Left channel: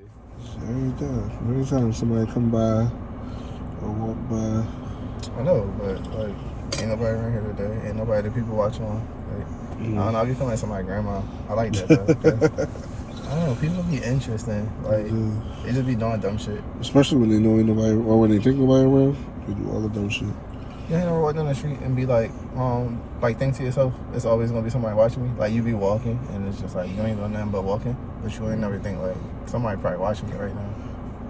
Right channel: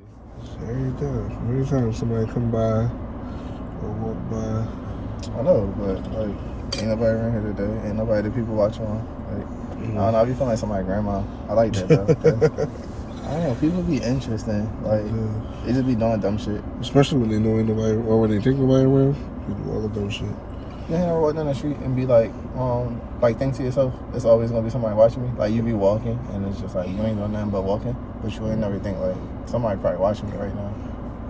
Every time somebody come by or walk by. I know, but ain't nobody around here today. Ain't nobody that people watching on. I don't know, I be feeling like somebody's grandma. I like that though. I don't know, people be interesting. Like, they just be doing dumb shit. Especially when they know ain't nobody, or when they think nobody around, they do all the dumb shit. Yeah, I walk down the street and be like think to yourself, it's always gonna be somebody watching me. Like, you be walking and it's just like, you ain't doing nothing but walking, but you ain't never think like, somebody probably watching me right now.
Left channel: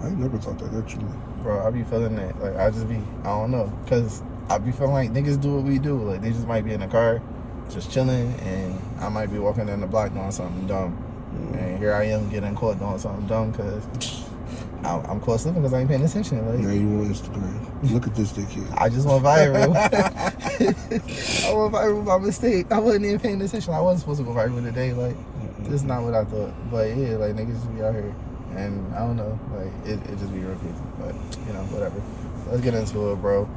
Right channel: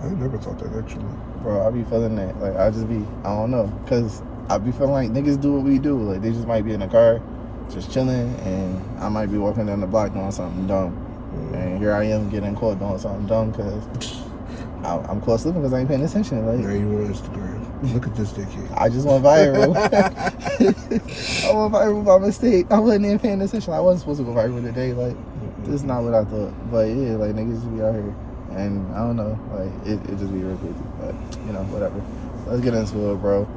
I never thought that actually. Bro, I be feeling that. Like, I don't know, cause I be feeling like niggas do what we do. Like, they just might be in the car, just chilling, and I might be walking down the block doing something dumb. And here I am getting caught doing something dumb because I'm caught slipping because I ain't paying attention. Like, now you on Instagram. Look at this dickhead. I just went viral. I went viral by mistake. I wasn't even paying attention. I wasn't supposed to go viral today. Like, this is not what I thought. But yeah, like, niggas just be out here. And I don't know, like, it just be real crazy. But, you know, whatever. Let's get into it, bro.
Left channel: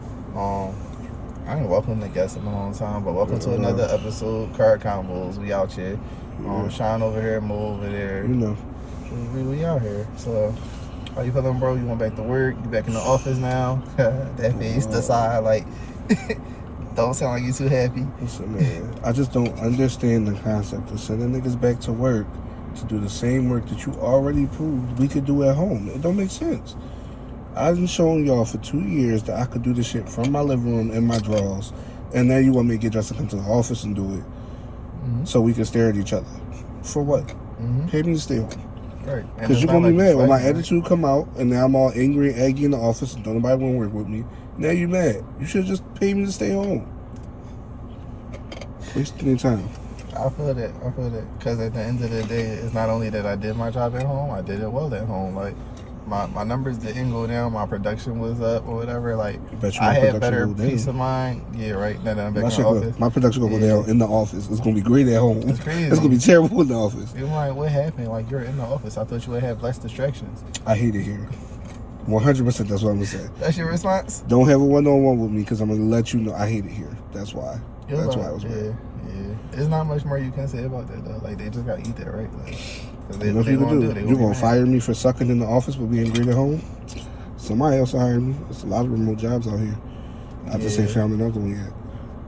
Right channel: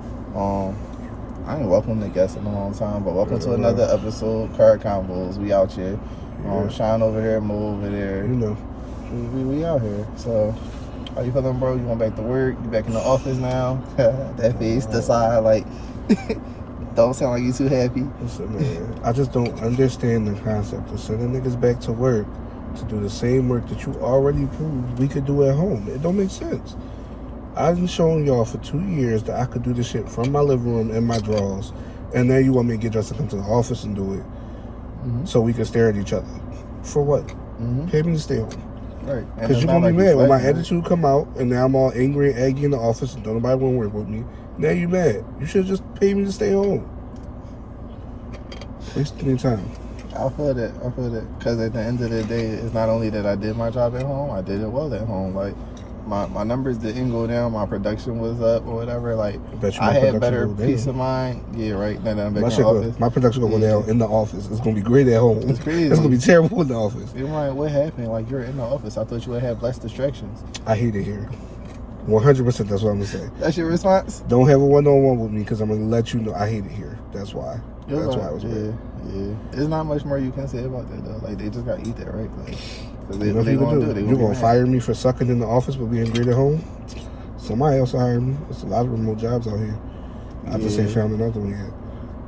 I ain't welcome to guests in a long time, but welcome to another episode of Car Combos. We out here. Shine over here, move over there. You know. We out here. So, how you feeling, bro? You went back to work? You back in the office now? That face, the side, like, don't sound like you too happy. Listen, man, I just don't understand the concept of sending niggas back to work to do the same work that you already proved we could do at home. It don't make sense. I've been showing y'all for 2 years that I could do this shit from my living room in my drawers, and now you want me to get dressed and come to the office and do it so we can stare at each other. For what? Pay me to stay home. Right. Because you're going to be mad when my attitude come out, and now I'm all angry and aggy in the office and don't nobody want to work with me. Now you mad. You should just pay me to stay home. Wasting your time. I feel that. Because at the end of the day, it's not only that I did my job at home, I did it well at home. Like, my numbers didn't go down, my production was up or whatever. Like, I had better peace of mind. Yeah, right. Now that I'm back in the office. My production gonna go down in the office. It's gonna be great at home. It's crazy. It's gonna be terrible in the office. They're like, what happened? Like, you're in the office. I thought you would have less distractions. I hate it here. 100%. That's what I'm gonna say. That's your response? Don't have a one-on-one with me because I'm gonna let you know I hate it here. That's why. That's why I was bad. Yeah. There's not much more you can say about that though. Like, they just gotta eat that, right? Like, you know what you gonna do? You gonna fire me for sucking in the office but being great at home? Somebody else hired me. There's a lot of remote jobs out here. I just ain't found another one yet.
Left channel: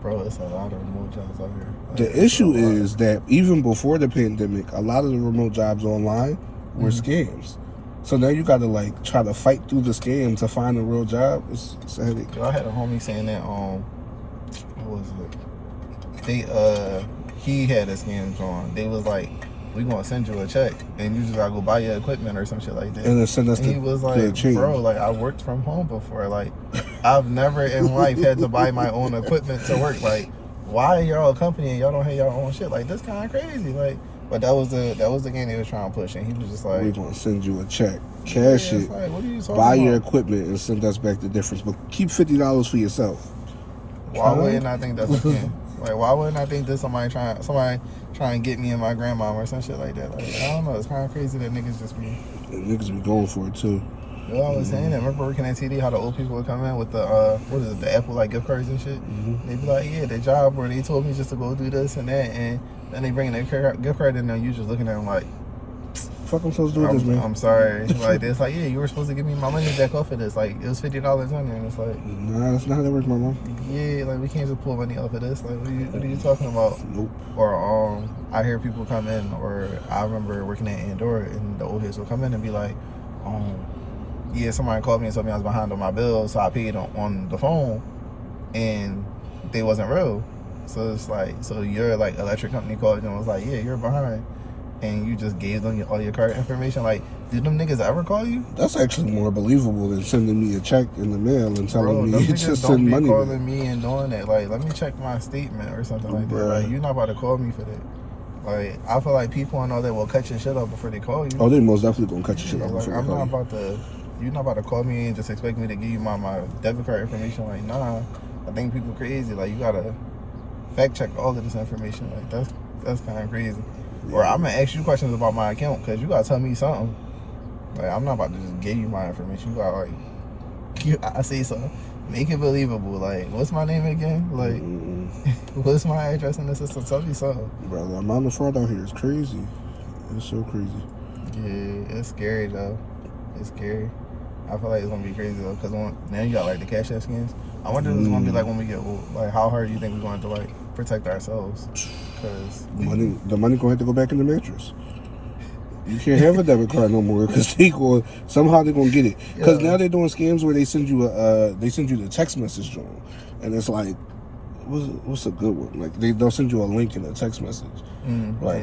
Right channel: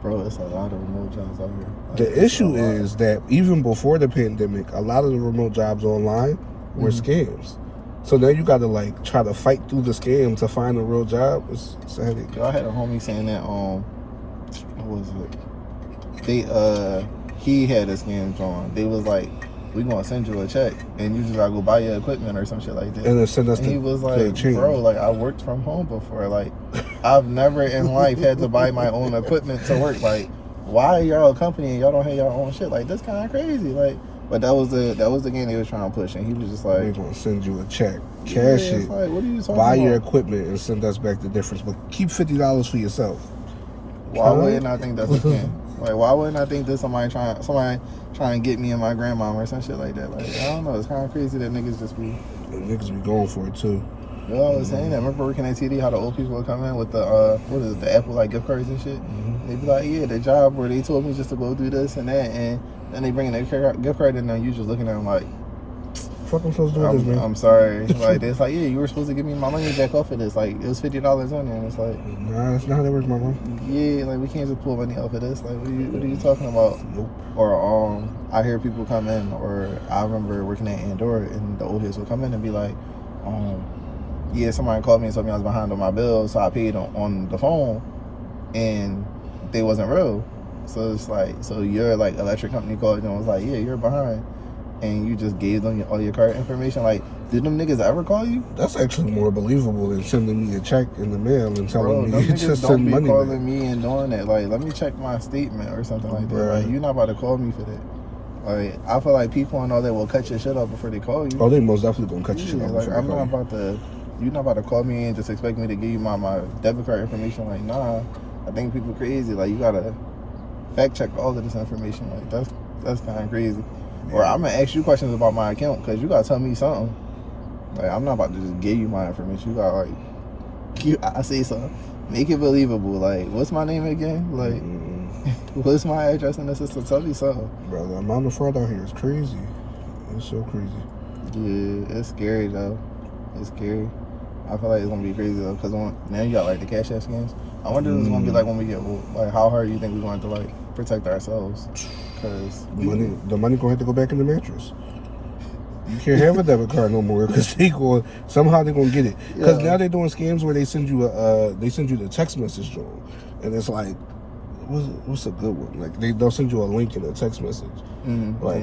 Bro, it's a lot of remote jobs out here. The issue is that even before the pandemic, a lot of the remote jobs online were scams. So now you gotta like try to fight through the scam to find a real job. It's heavy. Yo, I had a homie saying that what was it? He had a scam on. They was like, we gonna send you a check and you just gotta go buy your equipment or some shit like that. And then send us he was like, bro, like, I worked from home before. Like, I've never in life had to buy my own equipment to work. Like, why y'all a company and y'all don't have your own shit? Like, this kind of crazy. Like, but that was the game they was trying to push, and he was just like, we're gonna send you a check, cash it, like, what are you talking buy about? your equipment and send us back the difference, but keep $50 for yourself. Why wouldn't I think that's a scam? Like, why wouldn't I think that somebody trying to get me and my grandma or some shit like that? Like, I don't know. It's kind of crazy that niggas just be... Niggas be going for it, too. Well, I was saying that. Remember working at TD, how the old people would come in with the, what is it, the Apple, like, gift cards and shit? They'd be like, yeah, the job where they told me just to go do this and that, and then they bring their gift card in there, and you just looking at them like... Fuck, I'm supposed to do this, man. I'm sorry. Like, it's like, yeah, you were supposed to give me my money back off of this. Like, it was $50 on there, and it's like... Nah, that's not how that works, my mom. Yeah, like, we can't just pull money off of this. Like, what are you talking about? Nope. Or, I hear people come in, or I remember working at Andorra, and the old heads would come in and be like, yeah, somebody called me and told me I was behind on my bill, so I paid on the phone, and they wasn't real. So it's like, so your, like, electric company called you and was like, yeah, you're behind. And you just gave them all your card information. Like, did them niggas ever call you? That's actually more believable than sending me a check in the mail and telling me to send money back. Calling me and doing that. Like, let me check my statement or something like that. Like, you're not about to call me for that. Like, I feel like people and all that will cut your shit off before they call you. Oh, they most definitely gonna cut your shit off like, before they call you. You're not about to call me and just expect me to give you my debit card information. Like, nah. I think people crazy. Like, you gotta fact check all of this information. Like, that's kind of crazy. Or I'm gonna ask you questions about my account because you gotta tell me something. Like, I'm not about to just give you my information. You gotta, like, I say something. Make it believable. Like, what's my name again? Like, what's my address in the system? Tell me something. Brother, the amount of fraud out here is crazy. It's so crazy. Yeah, it's scary though. It's scary. I feel like it's gonna be crazy though, because now you got like the Cash App scams. I wonder what it's gonna be like when we get old. Like, how hard do you think we're going to like protect ourselves? Because the money gonna have to go back in the mattress. You can't have a debit card no more because somehow they're gonna get it. Because now they're doing scams where they send you the text message John, and it's like, what's a good one? Like they'll send you a link in a text message, like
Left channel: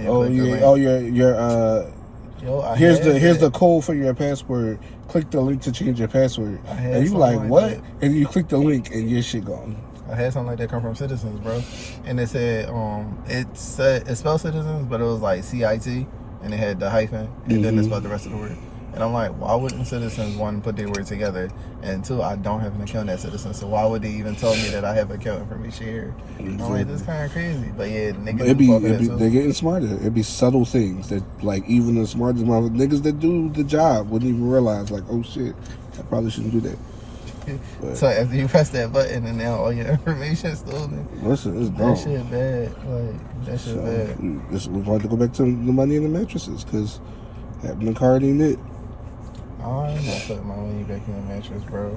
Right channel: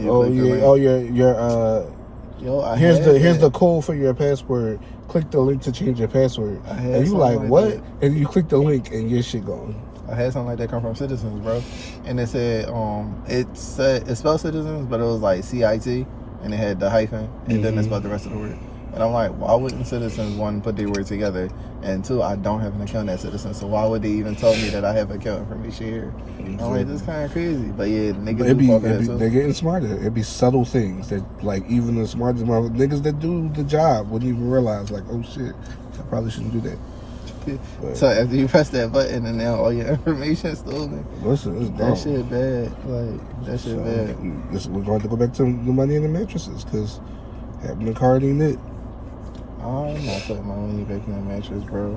here's the code for your password. Click the link to change your password, and you like what? That. And you click the link and your shit gone. I had something like that come from Citizens, bro, and it said it spelled Citizens, but it was like CIT. And it had the hyphen, and then that's about the rest of the word. And I'm like, why wouldn't Citizens, one, put their word together, and two, I don't have an account at Citizens, so why would they even tell me that I have an account from this year? I'm like, this is kind of crazy. But yeah, the niggas they're getting smarter. It'd be subtle things that, like, even the smartest niggas that do the job wouldn't even realize, like, oh shit, I probably shouldn't do that. But, so after you press that button and now all your information stolen. Listen, it's that shit bad. Like, that shit bad. We're going to go back to the money in the mattresses because having the card ain't it. I'm not putting my money back in the mattress, bro.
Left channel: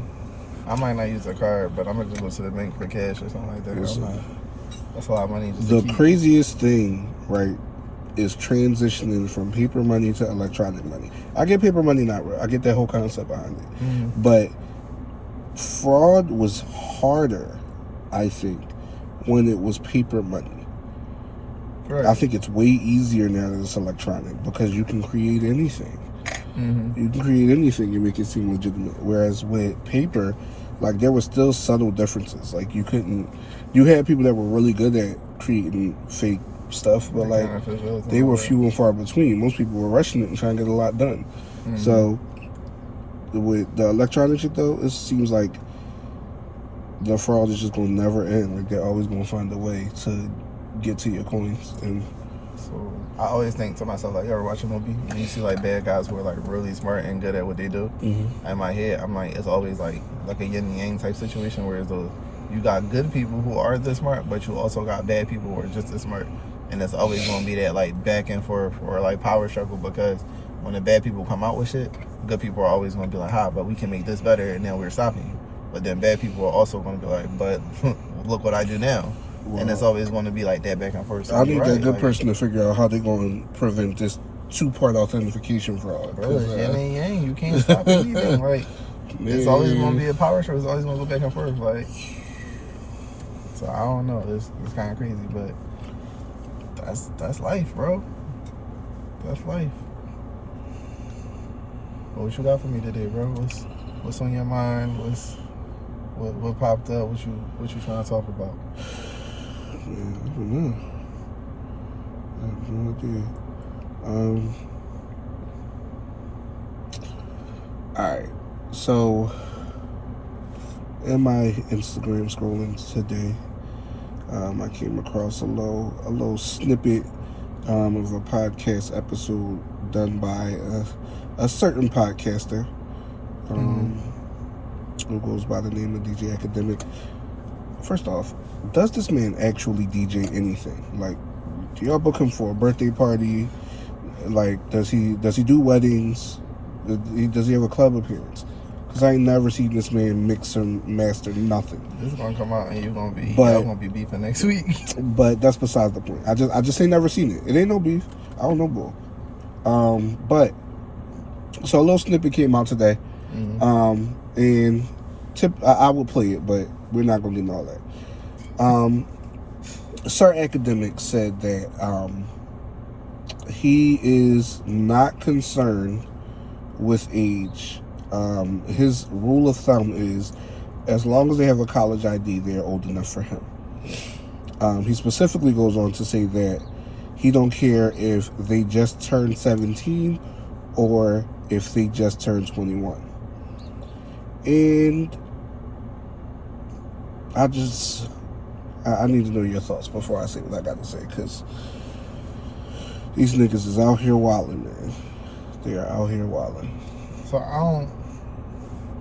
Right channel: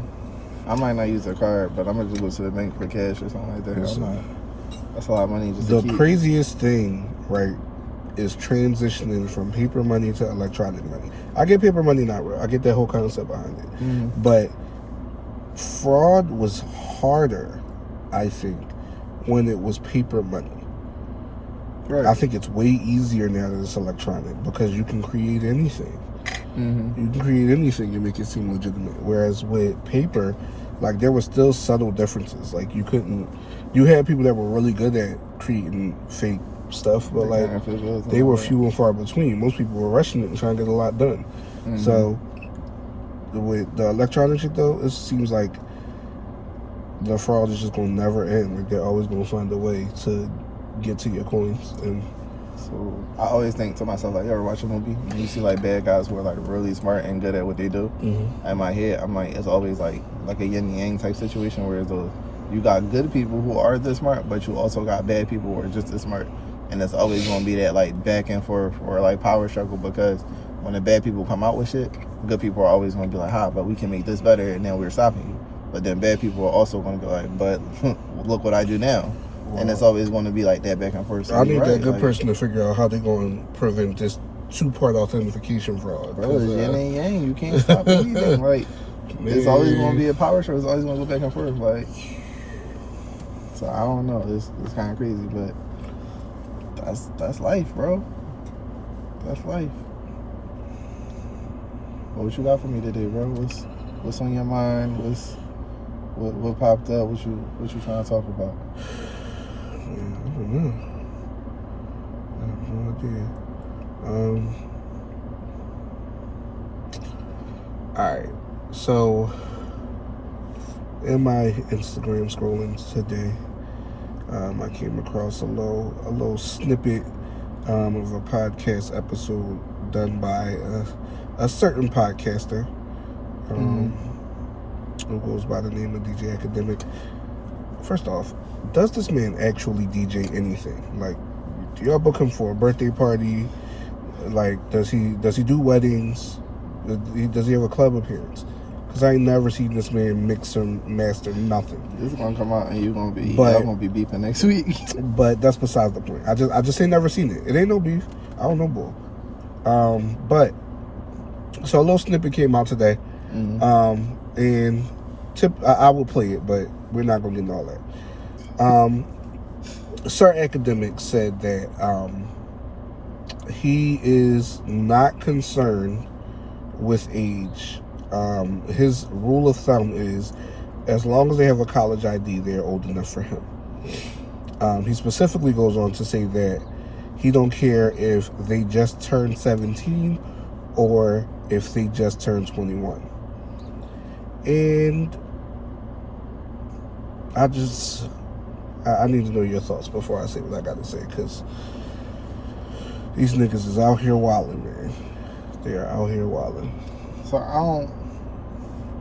I might not use a card, but I'm gonna just go to the bank for cash or something like that. That's a lot of money. The craziest thing, right, is transitioning from paper money to electronic money. I get paper money not real. I get that whole concept behind it, but fraud was harder, I think, when it was paper money. Right. I think it's way easier now that it's electronic because you can create anything. You can create anything and make it seem legitimate. Whereas with paper, like, there were still subtle differences. Like, you had people that were really good at creating fake stuff, but like they were few and far between. Most people were rushing it and trying to get a lot done. So with the electronic shit though, it seems like the fraud is just gonna never end. Like, they're always gonna find a way to get to your coins. And so I always think to myself, like, you ever watch a movie and you see like bad guys who are like really smart and good at what they do? In my head, I'm like, it's always like a yin and yang type situation where you got good people who are this smart, but you also got bad people who are just as smart. And it's always gonna be that like back and forth or like power struggle, because when the bad people come out with shit, good people are always gonna be like, but we can make this better, and then we're stopping you. But then bad people are also gonna be like, but look what I do now. Well, and it's always going to be like that back and forth. So I need that good person to figure out how they're going to prevent this two-part authentication fraud. Bro, it's yin and yang. You can't stop anything. Like, it's always going to be a power struggle. It's always going to go back and forth. Like, so I don't know. It's kind of crazy, but that's life, bro. That's life. What you got for me today, bro? What's on your mind? What popped up? What you trying to talk about? I don't know. I have no idea. Alright, so in my Instagram scrolling today, I came across a little snippet of a podcast episode done by a certain podcaster who goes by the name of DJ Academic. First off, does this man actually DJ anything? Like, do y'all book him for a birthday party? Like, does he do weddings? Does he have a club appearance? Because I ain't never seen this man mix and master nothing. This is gonna come out and y'all gonna be beefing next week. But that's besides the point. I just ain't never seen it. It ain't no beef. I don't know, bull. But so a little snippet came out today, and I will play it, but we're not gonna get into all that. Sir Academic said that he is not concerned with age. His rule of thumb is, as long as they have a college ID, they're old enough for him. He specifically goes on to say that he don't care if they just turned 17 or if they just turned 21. And I need to know your thoughts before I say what I gotta say, because these niggas is out here wilding, man. They are out here wilding. So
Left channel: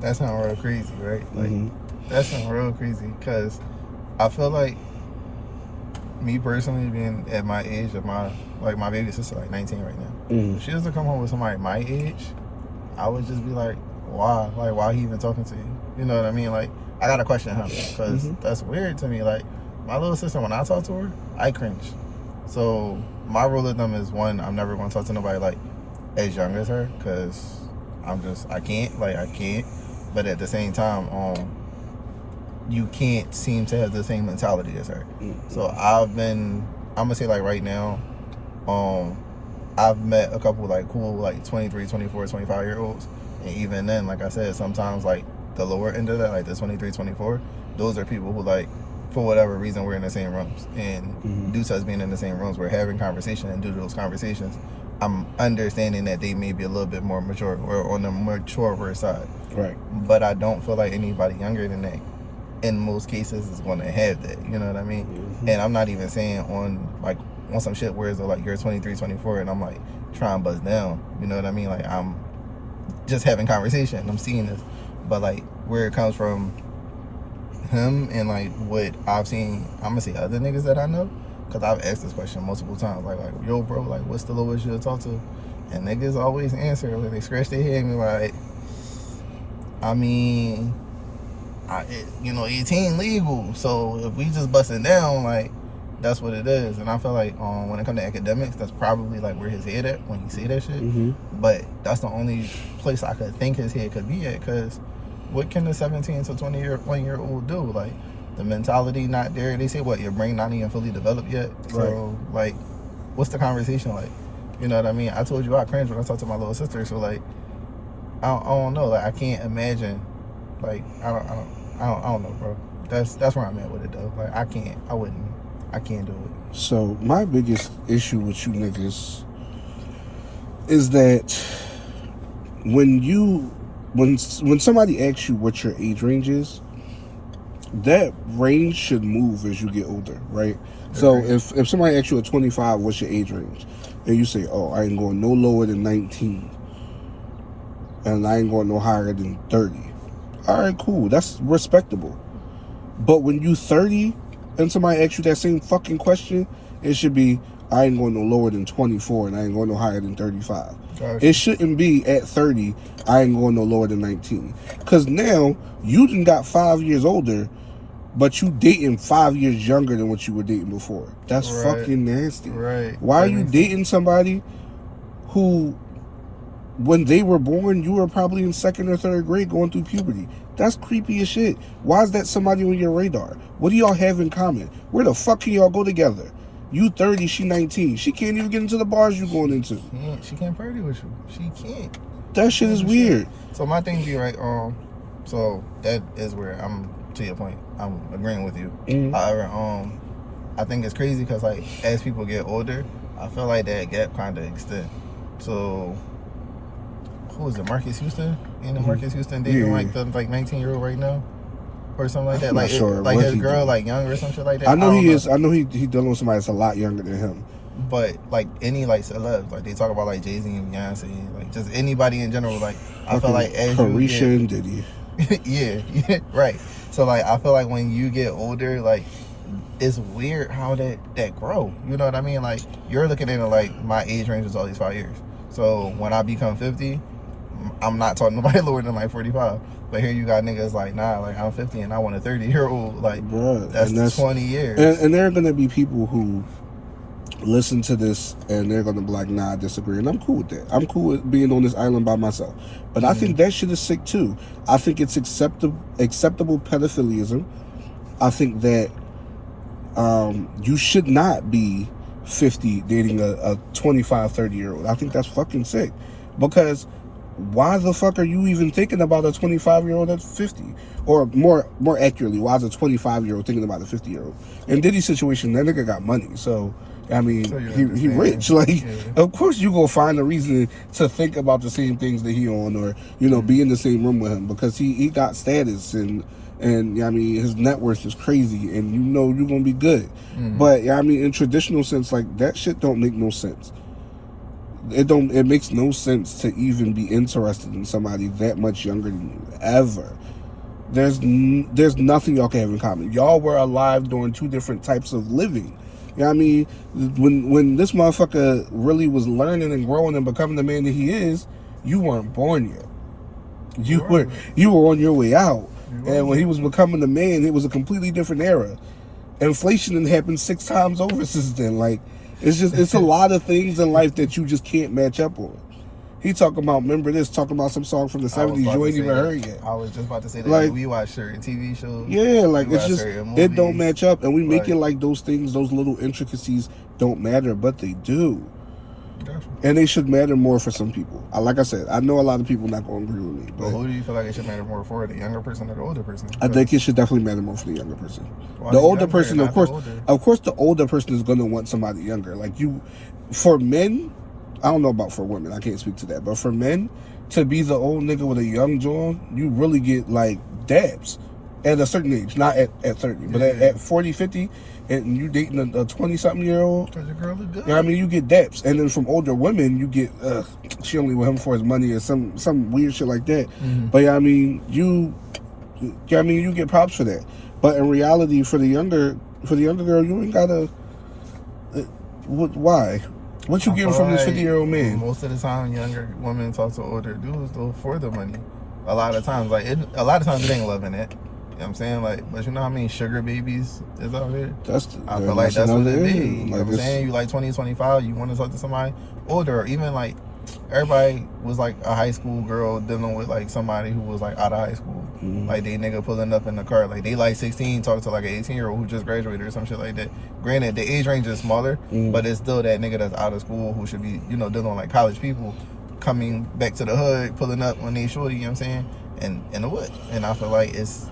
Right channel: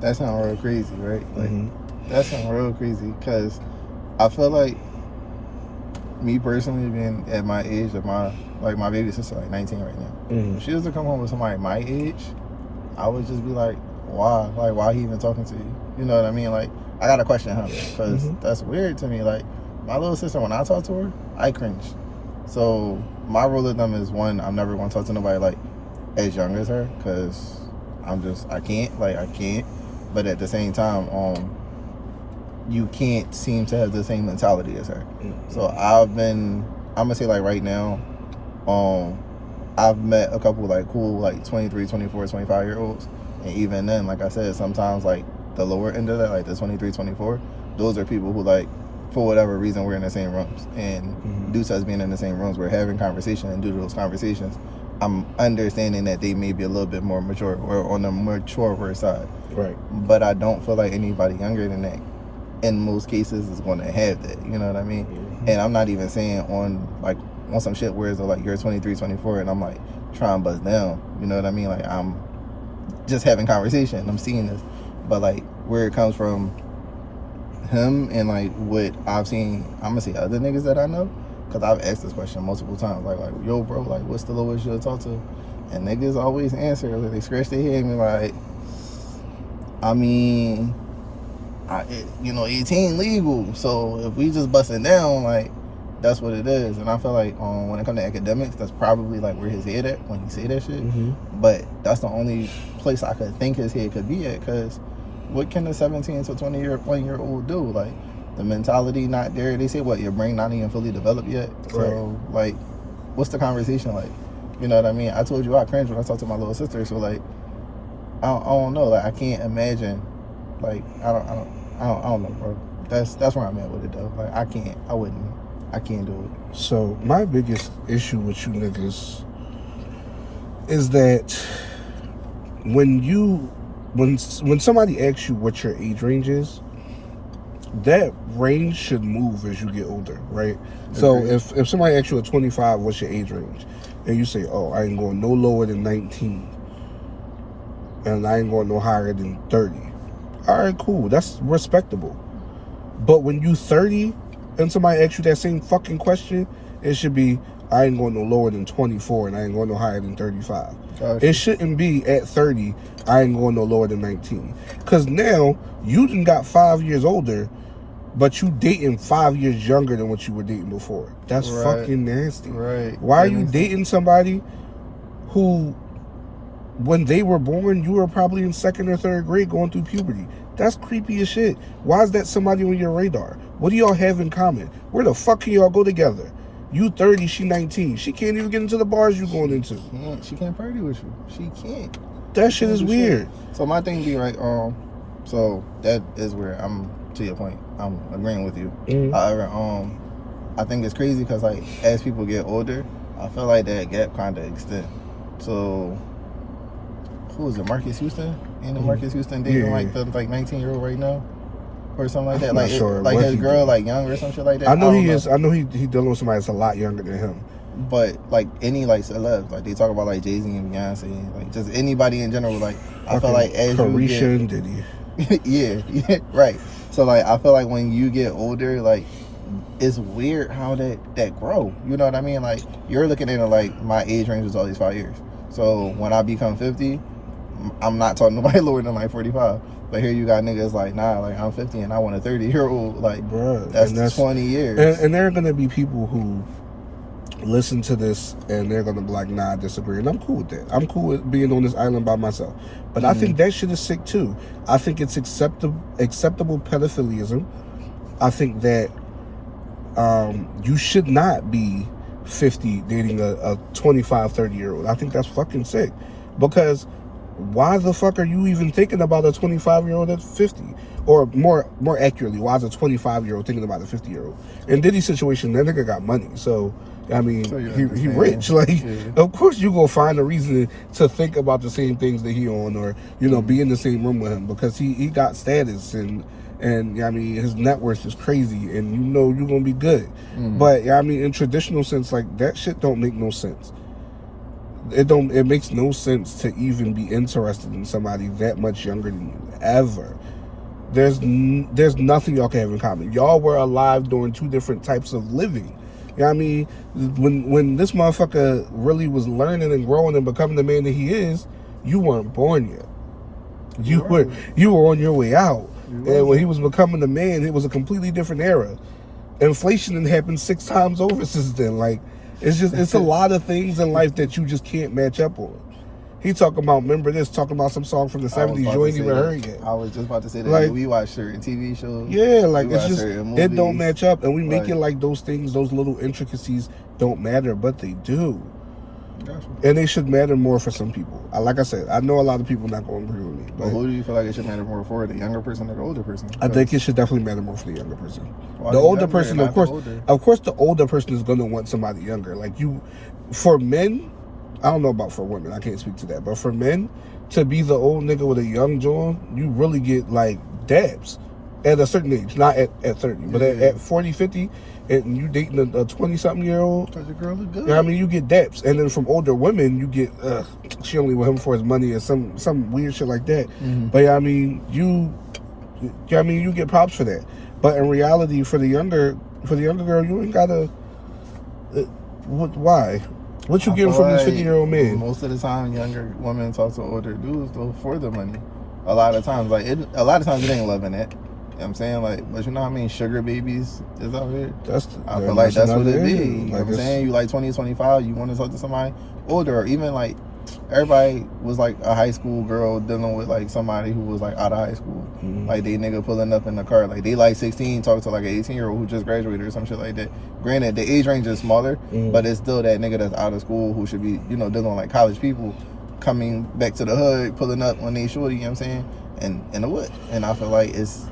that sounds real crazy, right? Like, that sounds real crazy, because I feel like, me personally, being at my age, my baby sister like 19 right now. If she was to come home with somebody my age, I would just be like, why? Like, why he even talking to you? You know what I mean? Like, I gotta question him because that's weird to me. Like, my little sister, when I talk to her, I cringe. So my rule of thumb is, one, I'm never gonna talk to nobody like as young as her, because I can't. But at the same time, you can't seem to have the same mentality as her. So I'm gonna say, like, right now, I've met a couple like cool like 23, 24, 25 year olds, and even then, like I said, sometimes like the lower end of that, like the 23, 24, those are people who, like, for whatever reason, we're in the same rooms, and due to us being in the same rooms, we're having conversation, and due to those conversations, I'm understanding that they may be a little bit more mature, or on the maturer side. Right. But I don't feel like anybody younger than that, in most cases, is going to have that. You know what I mean? And I'm not even saying on some shit where it's like you're 23, 24, and I'm like trying to buzz down. You know what I mean? Like, I'm just having conversation. I'm seeing this, but like where it comes from him and like what I've seen, I'm gonna say other niggas that I know, because I've asked this question multiple times. Like, yo, bro, like, what's the lowest you'll talk to? And niggas always answer. Like, they scratch their head and be like, I mean, 18 legal. So if we just busting down, like, that's what it is. And I feel like when it comes to academics, that's probably like where his head at when you say that shit. But that's the only place I could think his head could be at, because what can a 17 to 20-year-old do? Like, the mentality not there. They say, what, your brain not even fully developed yet? Right. So, like, what's the conversation like? You know what I mean? I told you I cringe when I talked to my little sister. So, like, I don't know. Like, I can't imagine. Like, I don't know, bro. That's where I'm at with it, though. Like, I can't do it. So my biggest issue with you niggas is that when somebody asks you what your age range is, that range should move as you get older, right? So if somebody asks you at 25, what's your age range? And you say, oh, I ain't going no lower than 19. And I ain't going no higher than 30. All right, cool. That's respectable. But when you 30 and somebody asks you that same fucking question, it should be, I ain't going no lower than 24 and I ain't going no higher than 35. It shouldn't be at 30, I ain't going no lower than 19. Because now, you done got 5 years older, but you dating 5 years younger than what you were dating before. That's fucking nasty. Right. Why are you dating somebody who, when they were born, you were probably in 2nd or 3rd grade going through puberty? That's creepy as shit. Why is that somebody on your radar? What do y'all have in common? Where the fuck can y'all go together? You 30, she 19. She can't even get into the bars you going into. She can't party with you. She can't. That shit is weird. So my thing be right. So that is where I'm, to your point, I'm agreeing with you. However, I think it's crazy because, like, as people get older, I feel like that gap kind of extends. So who is it? Marcus Houston? Marcus Houston dating like 19-year-old right now, or something like that. I'm not sure. Like his girl, like young or some shit like that. I know he is. I know he dealing with somebody that's a lot younger than him. But like any like celebs, like they talk about like Jay-Z and Beyonce, like just anybody in general. Like I feel like as Carisha and Diddy. yeah, right. So like I feel like when you get older, like it's weird how that grow. You know what I mean? Like you're looking at it like my age range is always 5 years. So when I become 50, I'm not talking to nobody lower than like 45. But here you got niggas like, nah, like I'm 50 and I want a 30-year-old. Like, bruh, that's 20 years. And there are gonna be people who listen to this and they're gonna be like, nah, I disagree. And I'm cool with that. I'm cool with being on this island by myself. But I think that shit is sick too. I think it's acceptable pedophilism. I think that you should not be 50 dating a 25, 30-year-old. I think that's fucking sick. Because why the fuck are you even thinking about a 25-year-old at 50? Or more accurately, why is a 25-year-old thinking about a 50-year-old? In Diddy's situation, that nigga got money. So, I mean, he rich. Like, of course you gonna find a reason to think about the same things that he on, or, you know, be in the same room with him, because he got status and I mean, his net worth is crazy, and you know you're gonna be good. But, I mean, in traditional sense, like, that shit don't make no sense. It makes no sense to even be interested in somebody that much younger than you, ever. There's nothing y'all can have in common. Y'all were alive during two different types of living. You know what I mean? When this motherfucker really was learning and growing and becoming the man that he is, you weren't born yet. You were on your way out. And when he was becoming the man, it was a completely different era. Inflation done happened 6 times over since then. Like, it's a lot of things in life that you just can't match up on. He talking about, remember this, talking about some song from the 70s you ain't even heard yet. I was just about to say that. Like, we watch certain TV shows. Yeah, like, it's just, it don't match up. And we make it like those things, those little intricacies don't matter, but they do. Gotcha. And they should matter more for some people. Like I said, I know a lot of people not going to agree with me. But who do you feel like it should matter more for, the younger person or the older person? I think it should definitely matter more for the younger person. Why the older person, of course, the older person is going to want somebody younger. Like for men, I don't know about for women, I can't speak to that. But for men, to be the old nigga with a young John, you really get like dabs at a certain age. Not at 30, but at 40, 50, and you dating a 20-something-year-old. Because the girl is good. You know what I mean? You get daps. And then from older women, you get, she only with him for his money or some weird shit like that. Mm-hmm. But I mean, you get props for that. But in reality, for the younger girl, you ain't gotta. Why? What you getting from this 50-year-old man? Most of the time, younger women talk to older dudes though for the money. A lot of times, they ain't loving it. You know what I'm saying? Like, but you know what I mean? Sugar babies is out here. I feel like that's what it be. You know what I'm saying? You like 20, 25, you want to talk to somebody older, or even like everybody was like a high school girl dealing with like somebody who was like out of high school. Mm-hmm. Like they nigga pulling up in the car. Like they like 16, talk to like an 18-year-old who just graduated or some shit like that. Granted, the age range is smaller, but it's still that nigga that's out of school who should be, you know, dealing with like college people coming back to the hood, pulling up when they shorty, you know what I'm saying? And in the wood. And I feel like it's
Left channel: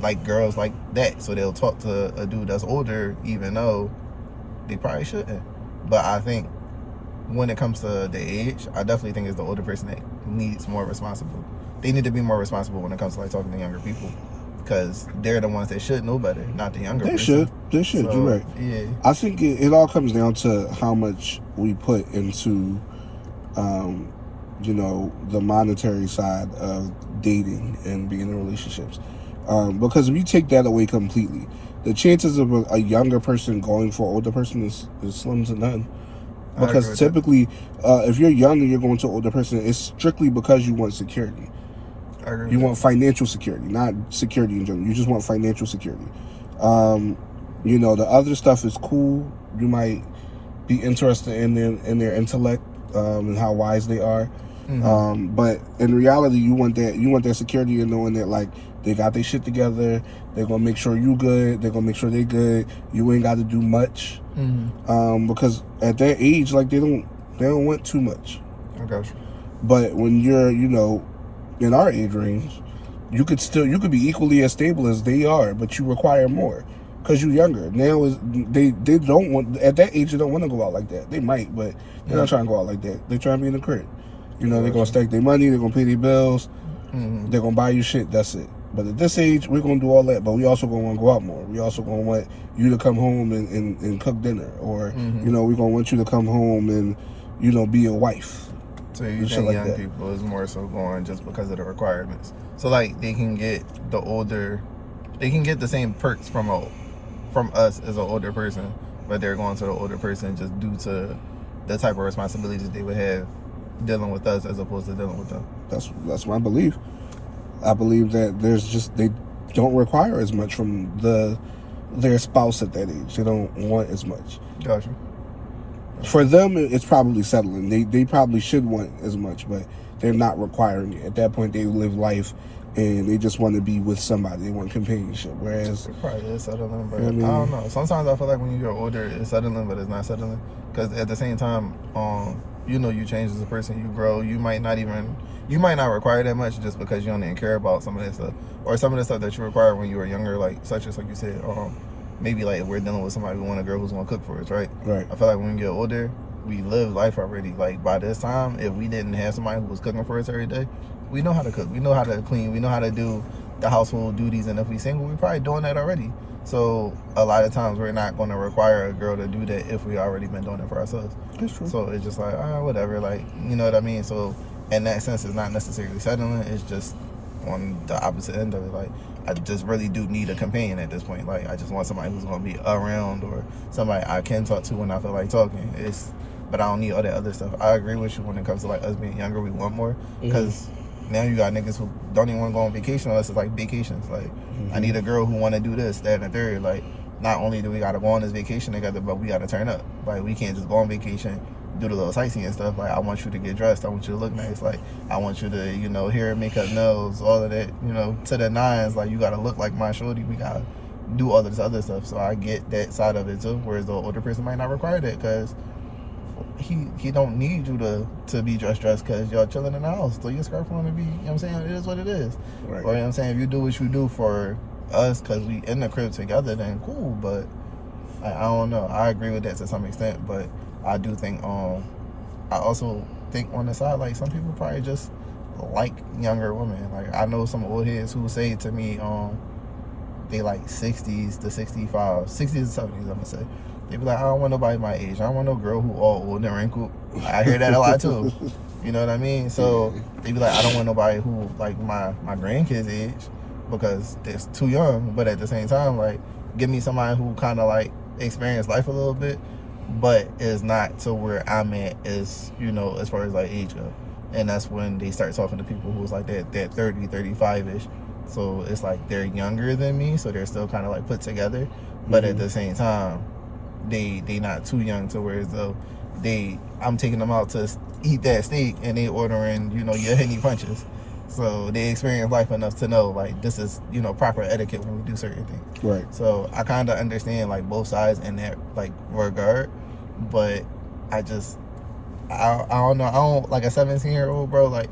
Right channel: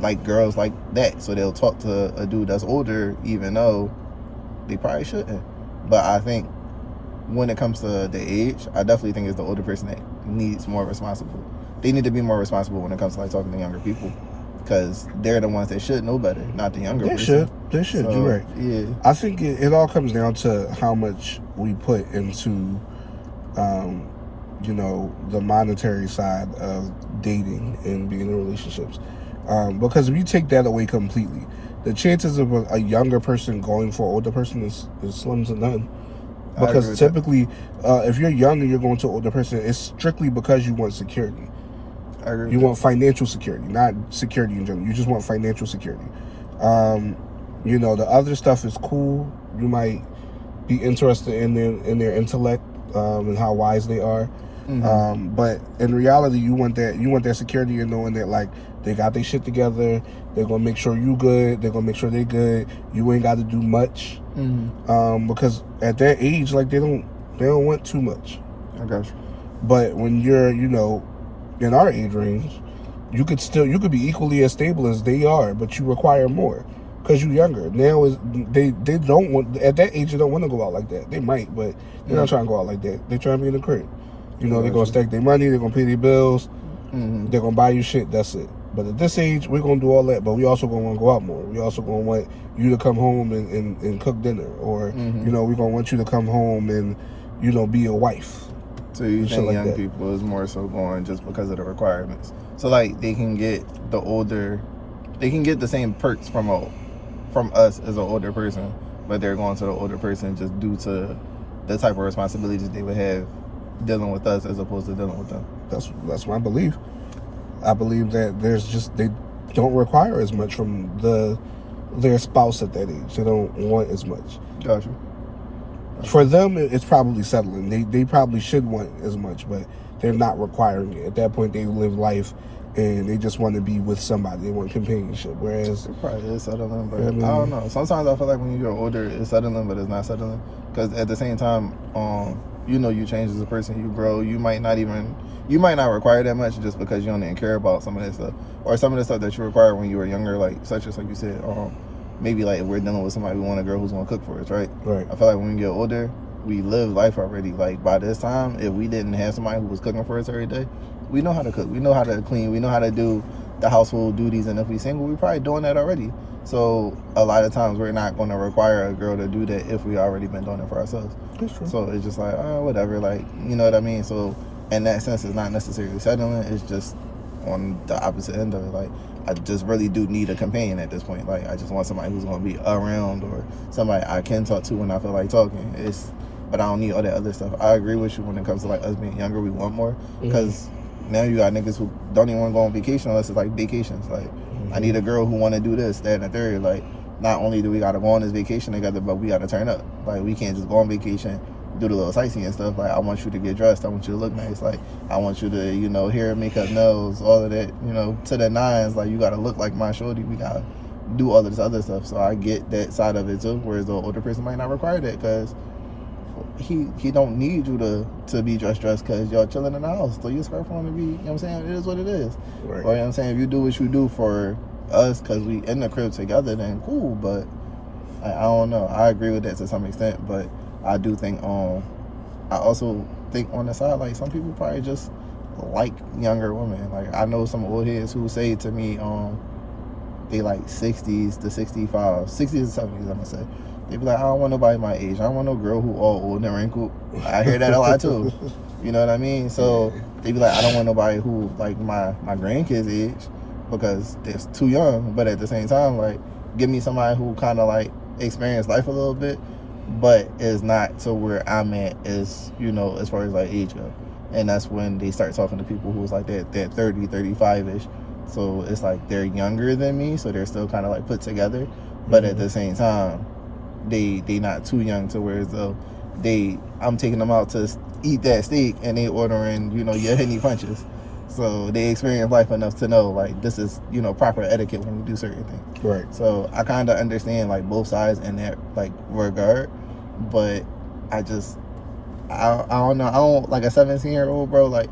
like girls like that. So they'll talk to a dude that's older, even though they probably shouldn't. But I think when it comes to the age, I definitely think it's the older person that needs more responsible. They need to be more responsible when it comes to like talking to younger people, because they're the ones that should know better, not the younger. They should. So, you're right. Yeah. I think it all comes down to how much we put into, you know, the monetary side of dating and being in relationships. Because if you take that away completely, the chances of a younger person going for an older person is slim to none. Because typically, if you're young and you're going to an older person, it's strictly because you want security. You want financial security, not security in general. You just want financial security. You know, the other stuff is cool. You might be interested in their intellect and how wise they are. Mm-hmm. But in reality, you want that security and knowing that like they got their shit together. They're gonna make sure you good. They're gonna make sure they good. You ain't got to do much. Mm-hmm. Because at that age, like they don't want too much. I got you. But when you're, you know, in our age range, you could be equally as stable as they are, but you require more because you're younger. Now they don't want, at that age they don't want to go out like that. They might, but they're not trying to go out like that. They trying to be in the crib. You know, they're gonna stack their money. They're gonna pay their bills. Mm-hmm. They're gonna buy you shit. That's it. But at this age, we're gonna do all that. But we also gonna want to go out more. We also gonna want you to come home and cook dinner, or you know, we're gonna want you to come home and, you know, be a wife. So you think like young people is more so going just because of the requirements? So like they can get the same perks from us as an older person, but they're going to the older person just due to the type of responsibilities they would have dealing with us as opposed to dealing with them. That's what I believe. I believe that they don't require as much from their spouse at that age. They don't want as much. Gotcha. For them, it's probably settling. They probably should want as much, but they're not requiring it. At that point, they live life, and they just want to be with somebody. They want companionship. Whereas, probably is settling, but I don't know. Sometimes I feel like when you get older, it's settling, but it's not settling. Because at the same time, you know, you change as a person, you grow. You might not require that much just because you don't even care about some of that stuff, or some of the stuff that you require when you were younger, like such as like you said. Maybe like if we're dealing with somebody, we want a girl who's gonna cook for us, right? Right. I feel like when we get older, we live life already. Like by this time, if we didn't have somebody who was cooking for us every day, we know how to cook, we know how to clean, we know how to do the household duties, and if we single, we're probably doing that already. So a lot of times we're not gonna require a girl to do that if we already been doing it for ourselves. That's true. So it's just like, whatever, like, you know what I mean? So in that sense, it's not necessarily settling, it's just on the opposite end of it. Like, I just really do need a companion at this point. Like, I just want somebody who's gonna be around, or somebody I can talk to when I feel like talking. But I don't need all that other stuff. I agree with you when it comes to like us being younger. We want more because now you got niggas who don't even want to go on vacation unless it's like vacations. Like, I need a girl who want to do this, that, and the third. Like, not only do we gotta go on this vacation together, but we gotta turn up. Like, we can't just go on vacation, do the little sightseeing and stuff. Like, I want you to get dressed. I want you to look nice. Like, I want you to, you know, hair, makeup, nails, all of that, you know, to the nines. Like, you gotta look like my shorty. We gotta do all this other stuff. So I get that side of it too. Whereas the older person might not require that because he don't need you to be dressed because y'all chilling in the house. Throw your scarf on and be, you know what I'm saying? It is what it is. Right. Or, you know what I'm saying? If you do what you do for us because we in the crib together, then cool. But I don't know. I agree with that to some extent, but I do think I also think on the side, like, some people probably just like younger women. Like, I know some old heads who say to me they like 60s to 65, 60s and 70s, I'm gonna say. They be like, I don't want nobody my age. I don't want no girl who all old and wrinkled. I hear that a lot too. You know what I mean? So they be like, I don't want nobody who like my grandkids' age because that's too young. But at the same time, like, give me somebody who kind of like experienced life a little bit, but is not to where I'm at is, you know, as far as like age go. And that's when they start talking to people who's like that 30, 35-ish. So it's like they're younger than me, so they're still kind of like put together. But at the same time, they not too young to where as though I'm taking them out to eat that steak and they ordering, you know, your Henny punches. So they experience life enough to know like this is, you know, proper etiquette when you do certain things. Right. So I kind of understand like both sides in that like regard, but I don't know. I don't like a 17-year-old, bro. Like,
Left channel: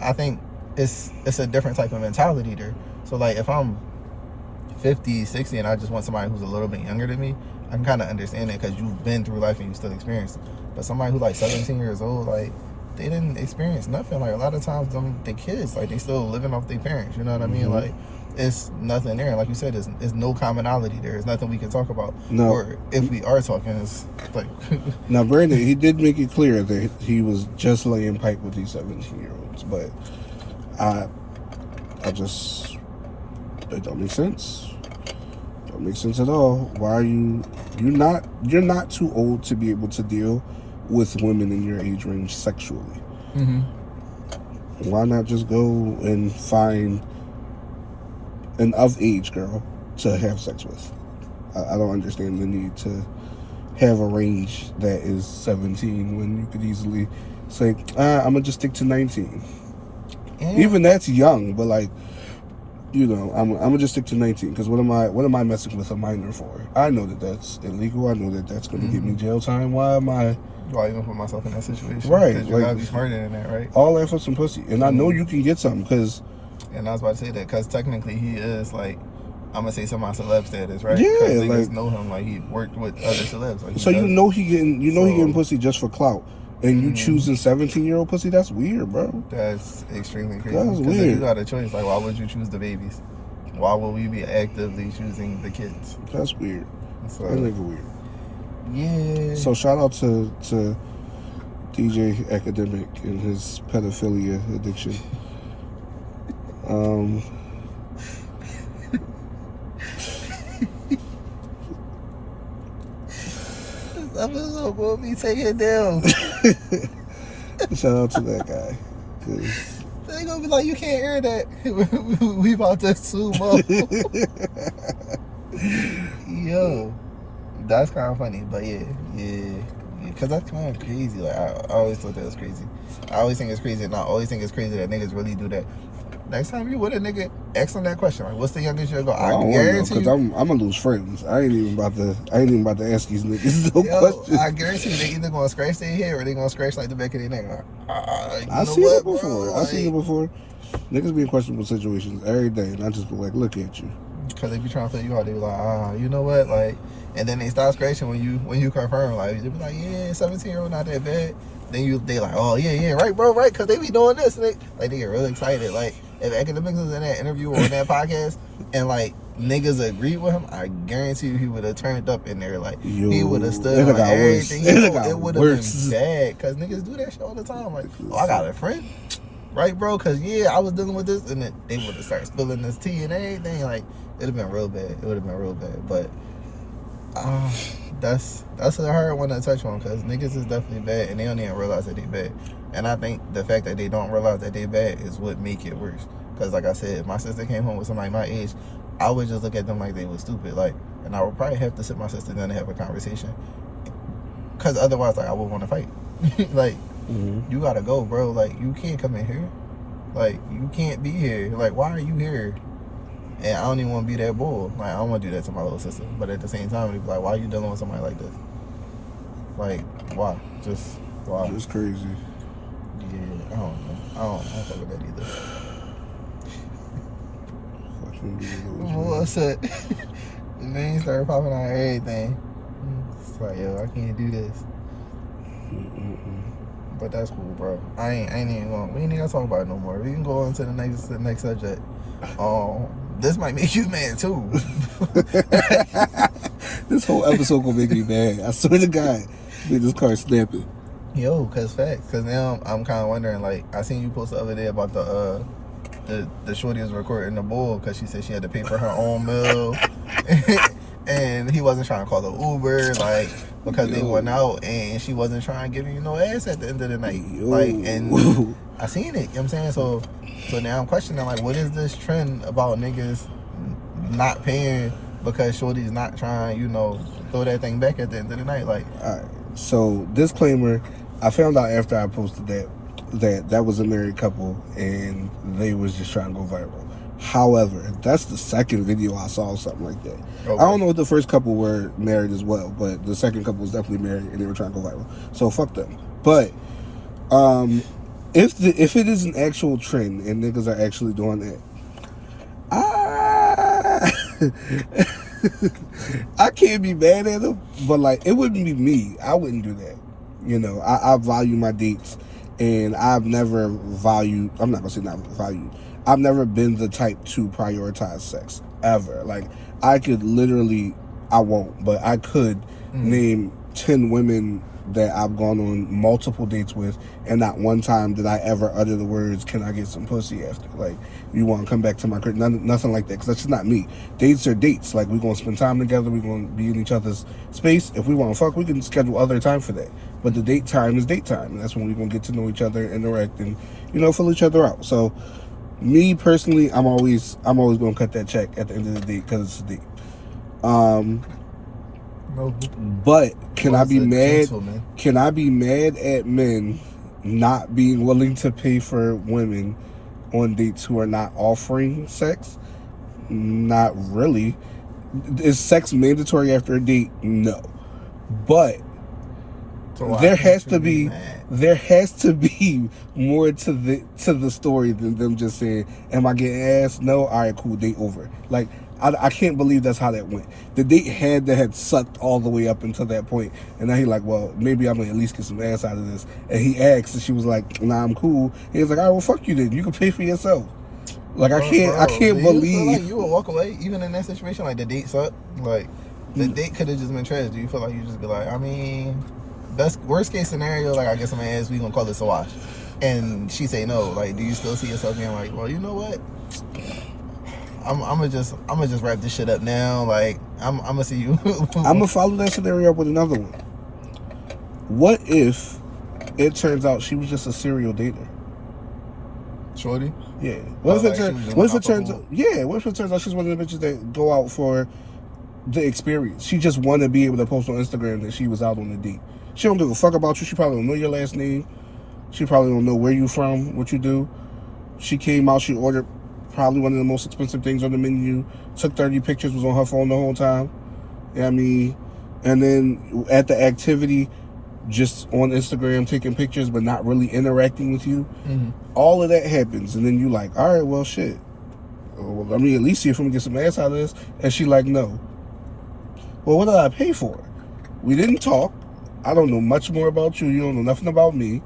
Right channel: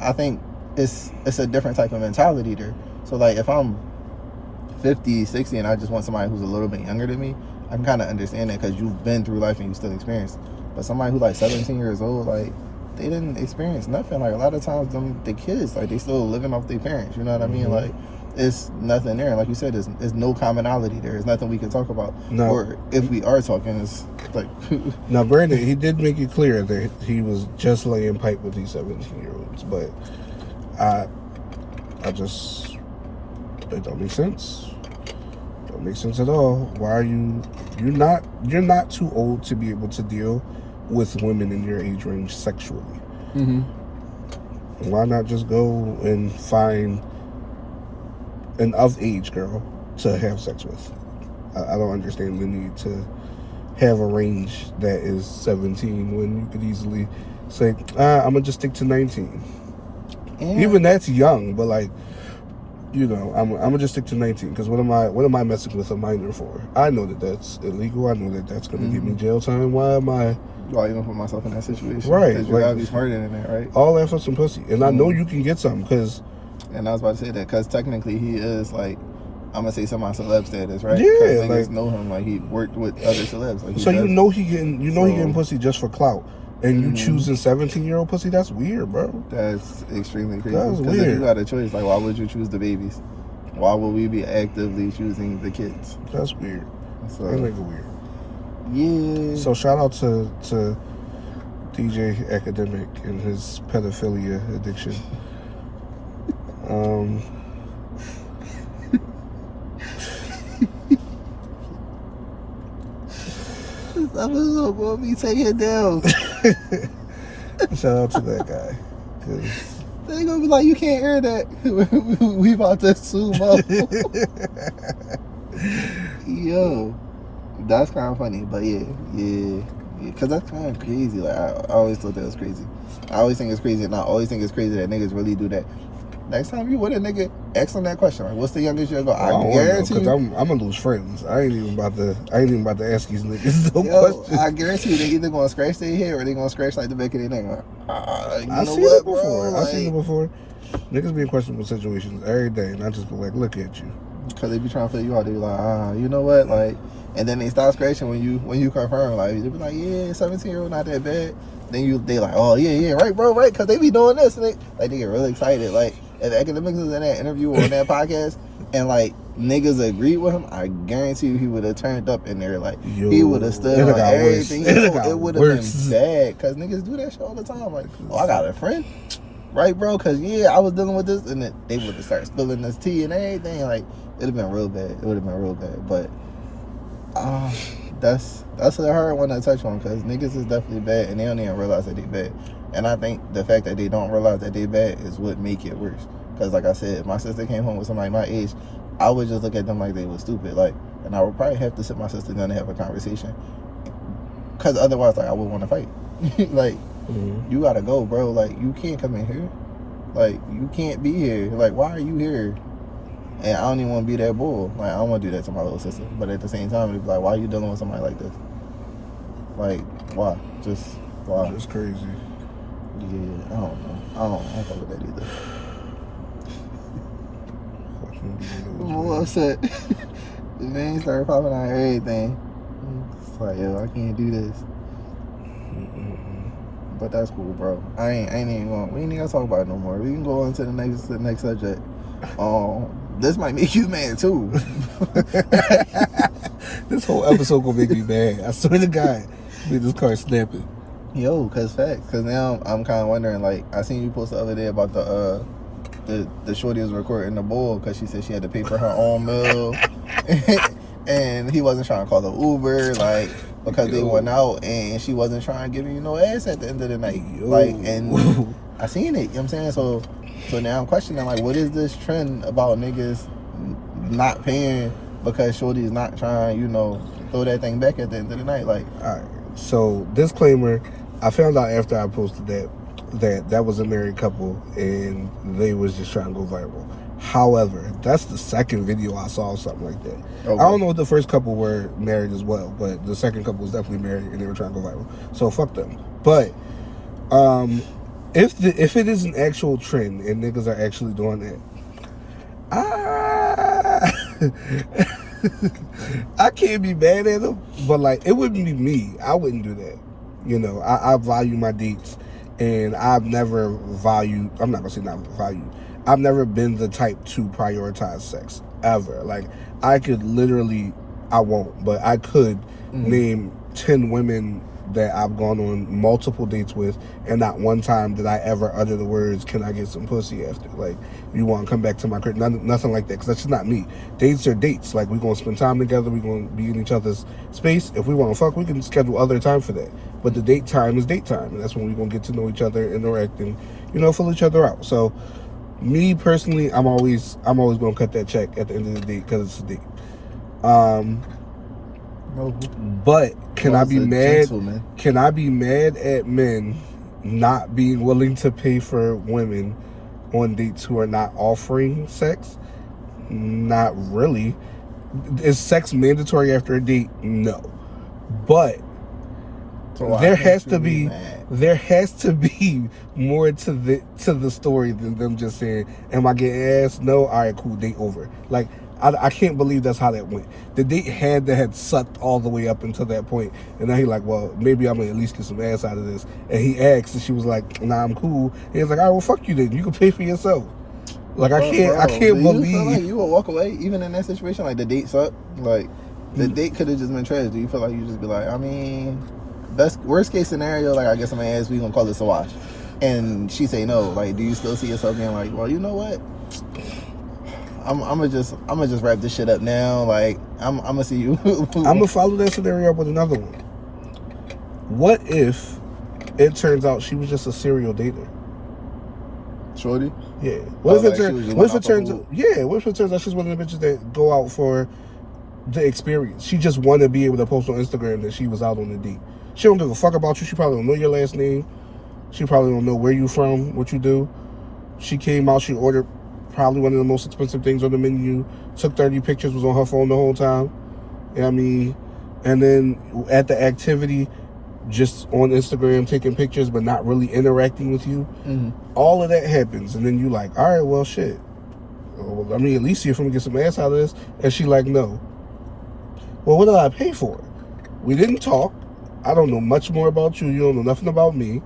I think it's a different type of mentality there. So like if I'm 50, 60 and I just want somebody who's a little bit younger than me, I can kind of understand that because you've been through life and you still experience it. But somebody who's like 17 years old, like, they didn't experience nothing. Like, a lot of times the kids, like, they still living off their parents, you know what I mean? Like, it's nothing there. Like you said, there's no commonality there. There's nothing we can talk about. No. Or if we are talking, it's like... Now, Brandon, he did make it clear that he was just laying pipe with these 17-year-olds, but I just, it don't make sense. Don't make sense at all. Why are you're not too old to be able to deal with women in your age range sexually. Why not just go and find an of-age girl to have sex with? I don't understand the need to have a range that is 17 when you could easily say, I'm gonna just stick to 19. Even that's young, but like, you know, I'm gonna just stick to 19 because what am I messing with a minor for? I know that that's illegal. I know that that's gonna give me jail time. Why am I? Why you gonna put myself in that situation? Right, you like, gotta be smarter than that, right? All that for some pussy, and I know you can get some because. And I was about to say that because technically he is like, I'm gonna say semi-celeb status, right? Yeah, niggas like, know him, like he worked with other celebs. Like, so you know he getting pussy just for clout, and you choosing 17-year-old pussy? That's weird, bro. That's extremely crazy. That's weird. If you got a choice, like, why would you choose the babies? Why would we be actively choosing the kids? That's weird. So, That nigga weird. Yeah. So shout out to DJ Academic and his pedophilia addiction. I'm just gonna be taking down. Shout out to that guy. 'Cause They gonna be like, you can't air that. We about to sue up. Yo, that's kind of funny, but yeah, because that's kind of crazy. Like, I always thought that was crazy. I always think it's crazy, and I always think it's crazy that niggas really do that. Next time you with a nigga, ask them that question. Right? What's the youngest you gonna go? I don't guarantee because I'm gonna lose friends. I ain't even about to ask these niggas no questions. I guarantee you, they either gonna scratch their head or they gonna scratch like the back of their neck. Like, I've seen it before. Bro? I've seen it before. Niggas be in questionable situations every day, and I just be like, look at you. Because they be trying to figure you out. They be like, you know what? Like, and then they stop scratching when you confirm. Like, they be like, yeah, 17-year-old not that bad. Then they like, oh yeah, right, bro, right? Because they be doing this, and they get really excited. Like, if Academics was in that interview or on that podcast, and like niggas agreed with him, I guarantee you he would have turned up in there. Like, he would have stood on everything. It would have been bad because niggas do that shit all the time. Like, oh, I got a friend. right, bro? Because, yeah, I was dealing with this, and then they would start spilling this tea and everything. Like, it'd have been real bad. It would have been real bad. But that's a hard one to touch on, because niggas is definitely bad, and they don't even realize that they bad. And I think the fact that they don't realize that they bad is what make it worse. Because, like I said, if my sister came home with somebody my age, I would just look at them like they was stupid. Like, and I would probably have to sit my sister down and have a conversation. Because otherwise, like, I would want to fight. Like, you gotta go, bro. Like, you can't come in here. Like, you can't be here. Like, why are you here? And I don't even want to be that bull. Like, I don't want to do that to my little sister. But at the same time, it'd be like, why are you dealing with somebody like this? Like, why? Just why? It's crazy. Yeah, I don't know. I don't fuck with that either. Well, upset. The name started popping out everything. It's like, yo, I can't do this. But that's cool, bro. I ain't even gonna. We ain't even gonna talk about it no more. We can go on to the next subject. This might make you mad too. This whole episode gonna make me mad. I swear to God, made this car snapping. Yo, cause facts. Cause now I'm kind of wondering. Like, I seen you post the other day about the shorty was recording the bull because she said she had to pay for her own meal, and he wasn't trying to call the Uber, like, because they went out, and she wasn't trying to give you no ass at the end of the night. Like, and I seen it. You know what I'm saying? So now I'm questioning, like, what is this trend about niggas not paying because shorty's not trying, you know, throw that thing back at the end of the night? Like, so disclaimer, I found out after I posted that was a married couple and they was just trying to go viral. However, that's the second video I saw something like that. Okay. I don't know if the first couple were married as well, but the second couple was definitely married and they were trying to go viral. So fuck them. But if it is an actual trend and niggas are actually doing that, I can't be mad at them, but like, it wouldn't be me. I wouldn't do that. You know, I value my dates, and I've never valued, I'm not gonna say not valued, I've never been the type to prioritize sex, ever. Like, I could literally, I won't, but I could name 10 women that I've gone on multiple dates with, and not one time did I ever utter the words, can I get some pussy after? Like, you want to come back to my crib? Nothing like that, because that's just not me. Dates are dates. Like, we're going to spend time together. We're going to be in each other's space. If we want to fuck, we can schedule other time for that. But the date time is date time, and that's when we're going to get to know each other, interact, and, you know, fill each other out. So, me personally, I'm always going to cut that check at the end of the date, because it's a date. But can I be mad? Can I be mad at men not being willing to pay for women on dates who are not offering sex? Not really. Is sex mandatory after a date? No. But there has to be more to the story than them just saying, am I getting ass? No. All right, cool, date over. Like, I can't believe that's how that went. The date had sucked all the way up until that point, and now he like, well, maybe I'm gonna at least get some ass out of this. And he asked, and she was like, nah, I'm cool. He was like, all right, well, fuck you then. You can pay for yourself. Like, I can't believe. You feel like you would walk away even in that situation? Like, the date sucked. Like, the date could have just been trash. Do you feel like you just be like, I mean, worst case scenario, like, I get some ass, we gonna call this a wash, and she say no. Like, do you still see yourself being like, well, you know what? I'm gonna just wrap this shit up now. Like, I'm gonna see you. I'm gonna follow that scenario up with another one. What if it turns out she was just a serial dater? Shorty? Yeah. What if it turns out she's one of the bitches that go out for the experience? She just wanted to be able to post on Instagram that she was out on a date. She don't give a fuck about you. She probably don't know your last name. She probably don't know where you from, what you do. She came out, she ordered probably one of the most expensive things on the menu, took 30 pictures, was on her phone the whole time. You know what I mean? And then at the activity, just on Instagram taking pictures but not really interacting with you. All of that happens, and then you like, all right, well, shit. Well, let me at least see if we can get some ass out of this. And she like, no. Well, what did I pay for? We didn't talk. I don't know much more about you. You don't know nothing about me.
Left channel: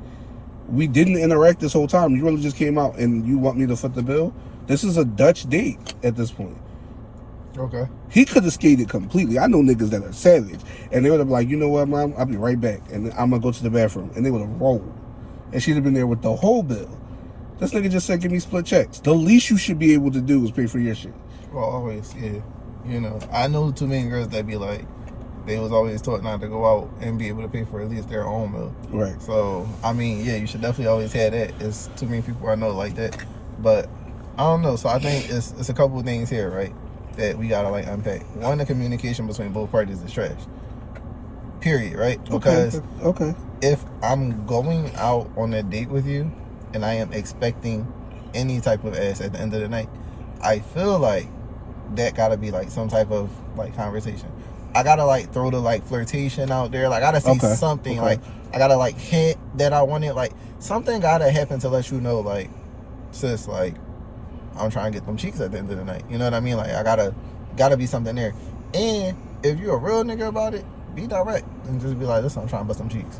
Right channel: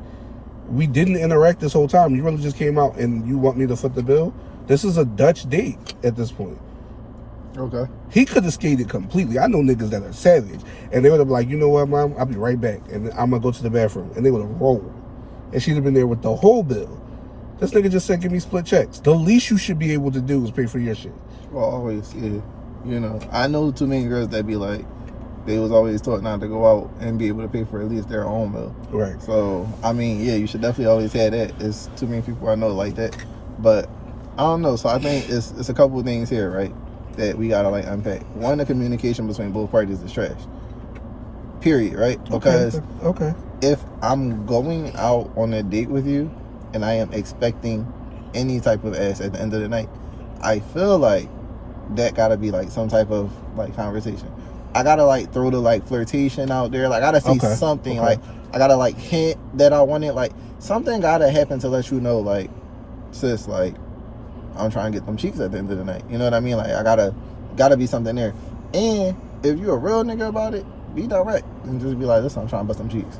We didn't interact this whole time. You really just came out and you want me to foot the bill? This is a Dutch date at this point. Okay. He could have skated completely. I know niggas that are savage. And they would have been like, you know what, mom? I'll be right back. And I'm going to go to the bathroom. And they would have rolled. And she'd have been there with the whole bill. This nigga just said give me split checks. The least you should be able to do is pay for your shit. Well, always, yeah. You know, I know too many girls that be like, they was always taught not to go out and be able to pay for at least their own meal. Right. So, I mean, yeah, you should definitely always have that. It's too many people I know like that. But, I don't know. So, I think it's a couple of things here, right, that we got to, like, unpack. One, the communication between both parties is trash. Period, right? Because okay. if I'm going out on a date with you and I am expecting any type of ass at the end of the night, I feel like that gotta be like some type of like conversation. I gotta like throw the like flirtation out there. Like I gotta say something. Okay. Like I gotta like hint that I want it. Like something gotta happen to let you know, like, sis, like I'm trying to get them cheeks at the end of the night. You know what I mean? Like I gotta be something there. And if you're a real nigga about it, be direct and just be like, listen, I'm trying to bust some cheeks.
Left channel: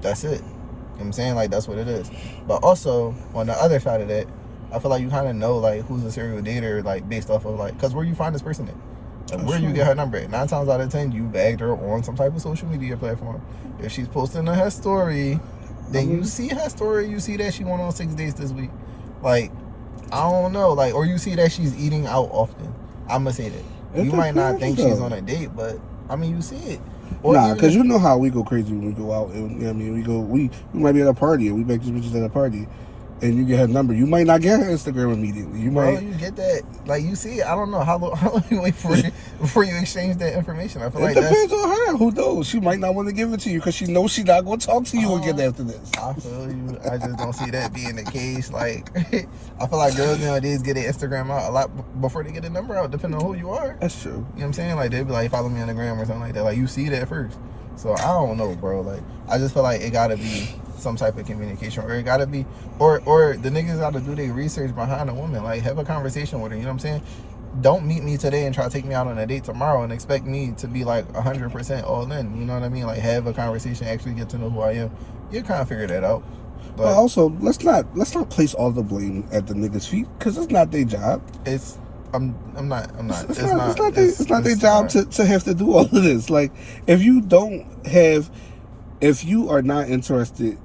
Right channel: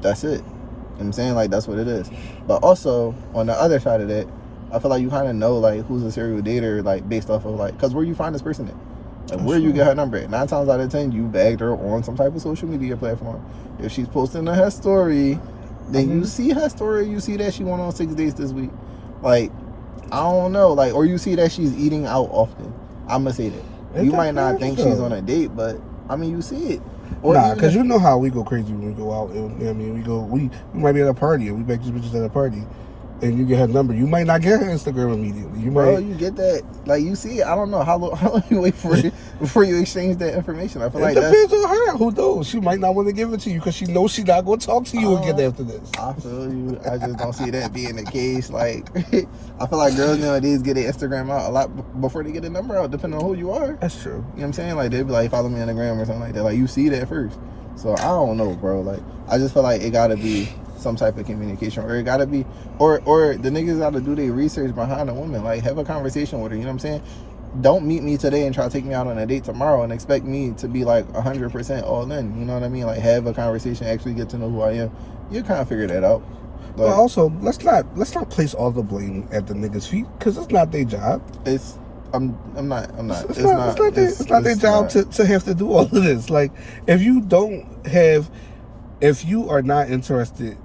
That's it. You know what I'm saying? Like that's what it is. But also on the other side of that, I feel like you kind of know like who's a serial dater, like based off of like, because where you find this person at, like, where you get her number at. 9 times out of 10 you bagged her on some type of social media platform. If she's posting her story, then you see her story, you see that she went on 6 dates this week. Like I don't know, like, or you see that she's eating out often. I'ma say that you might not think she's on a date, but I mean you see it. Or nah, because you know how we go crazy when we go out. And, I mean, we might be at a party and we make these bitches at a party, and you get her number. You might not get her Instagram immediately. You might. Bro, you get that. Like you see it. I don't know how long you wait for it before you exchange that information. I feel like it depends on her. Who knows? She might not want to give it to you because she knows she's not going to talk to you again after this. I feel you. I just don't see that being the case. Like I feel like girls nowadays get their Instagram out a lot before they get the number out, depending on who you are. That's true. You know what I'm saying? Like they be like, follow me on the gram or something like that. Like you see that first. So I don't know, bro. Like I just feel like it gotta be some type of communication, or it gotta be, or the niggas gotta do their research behind a woman. Like have a conversation with her. You know what I'm saying? Don't meet me today and try to take me out on a date tomorrow and expect me to be like 100% all in. You know what I mean? Like have a conversation, actually get to know who I am. You kind of figure that out. But also, let's not place all the blame at the niggas' feet because it's not their job. It's I'm not. It's not their job to have to do all of this. Like if you are not interested.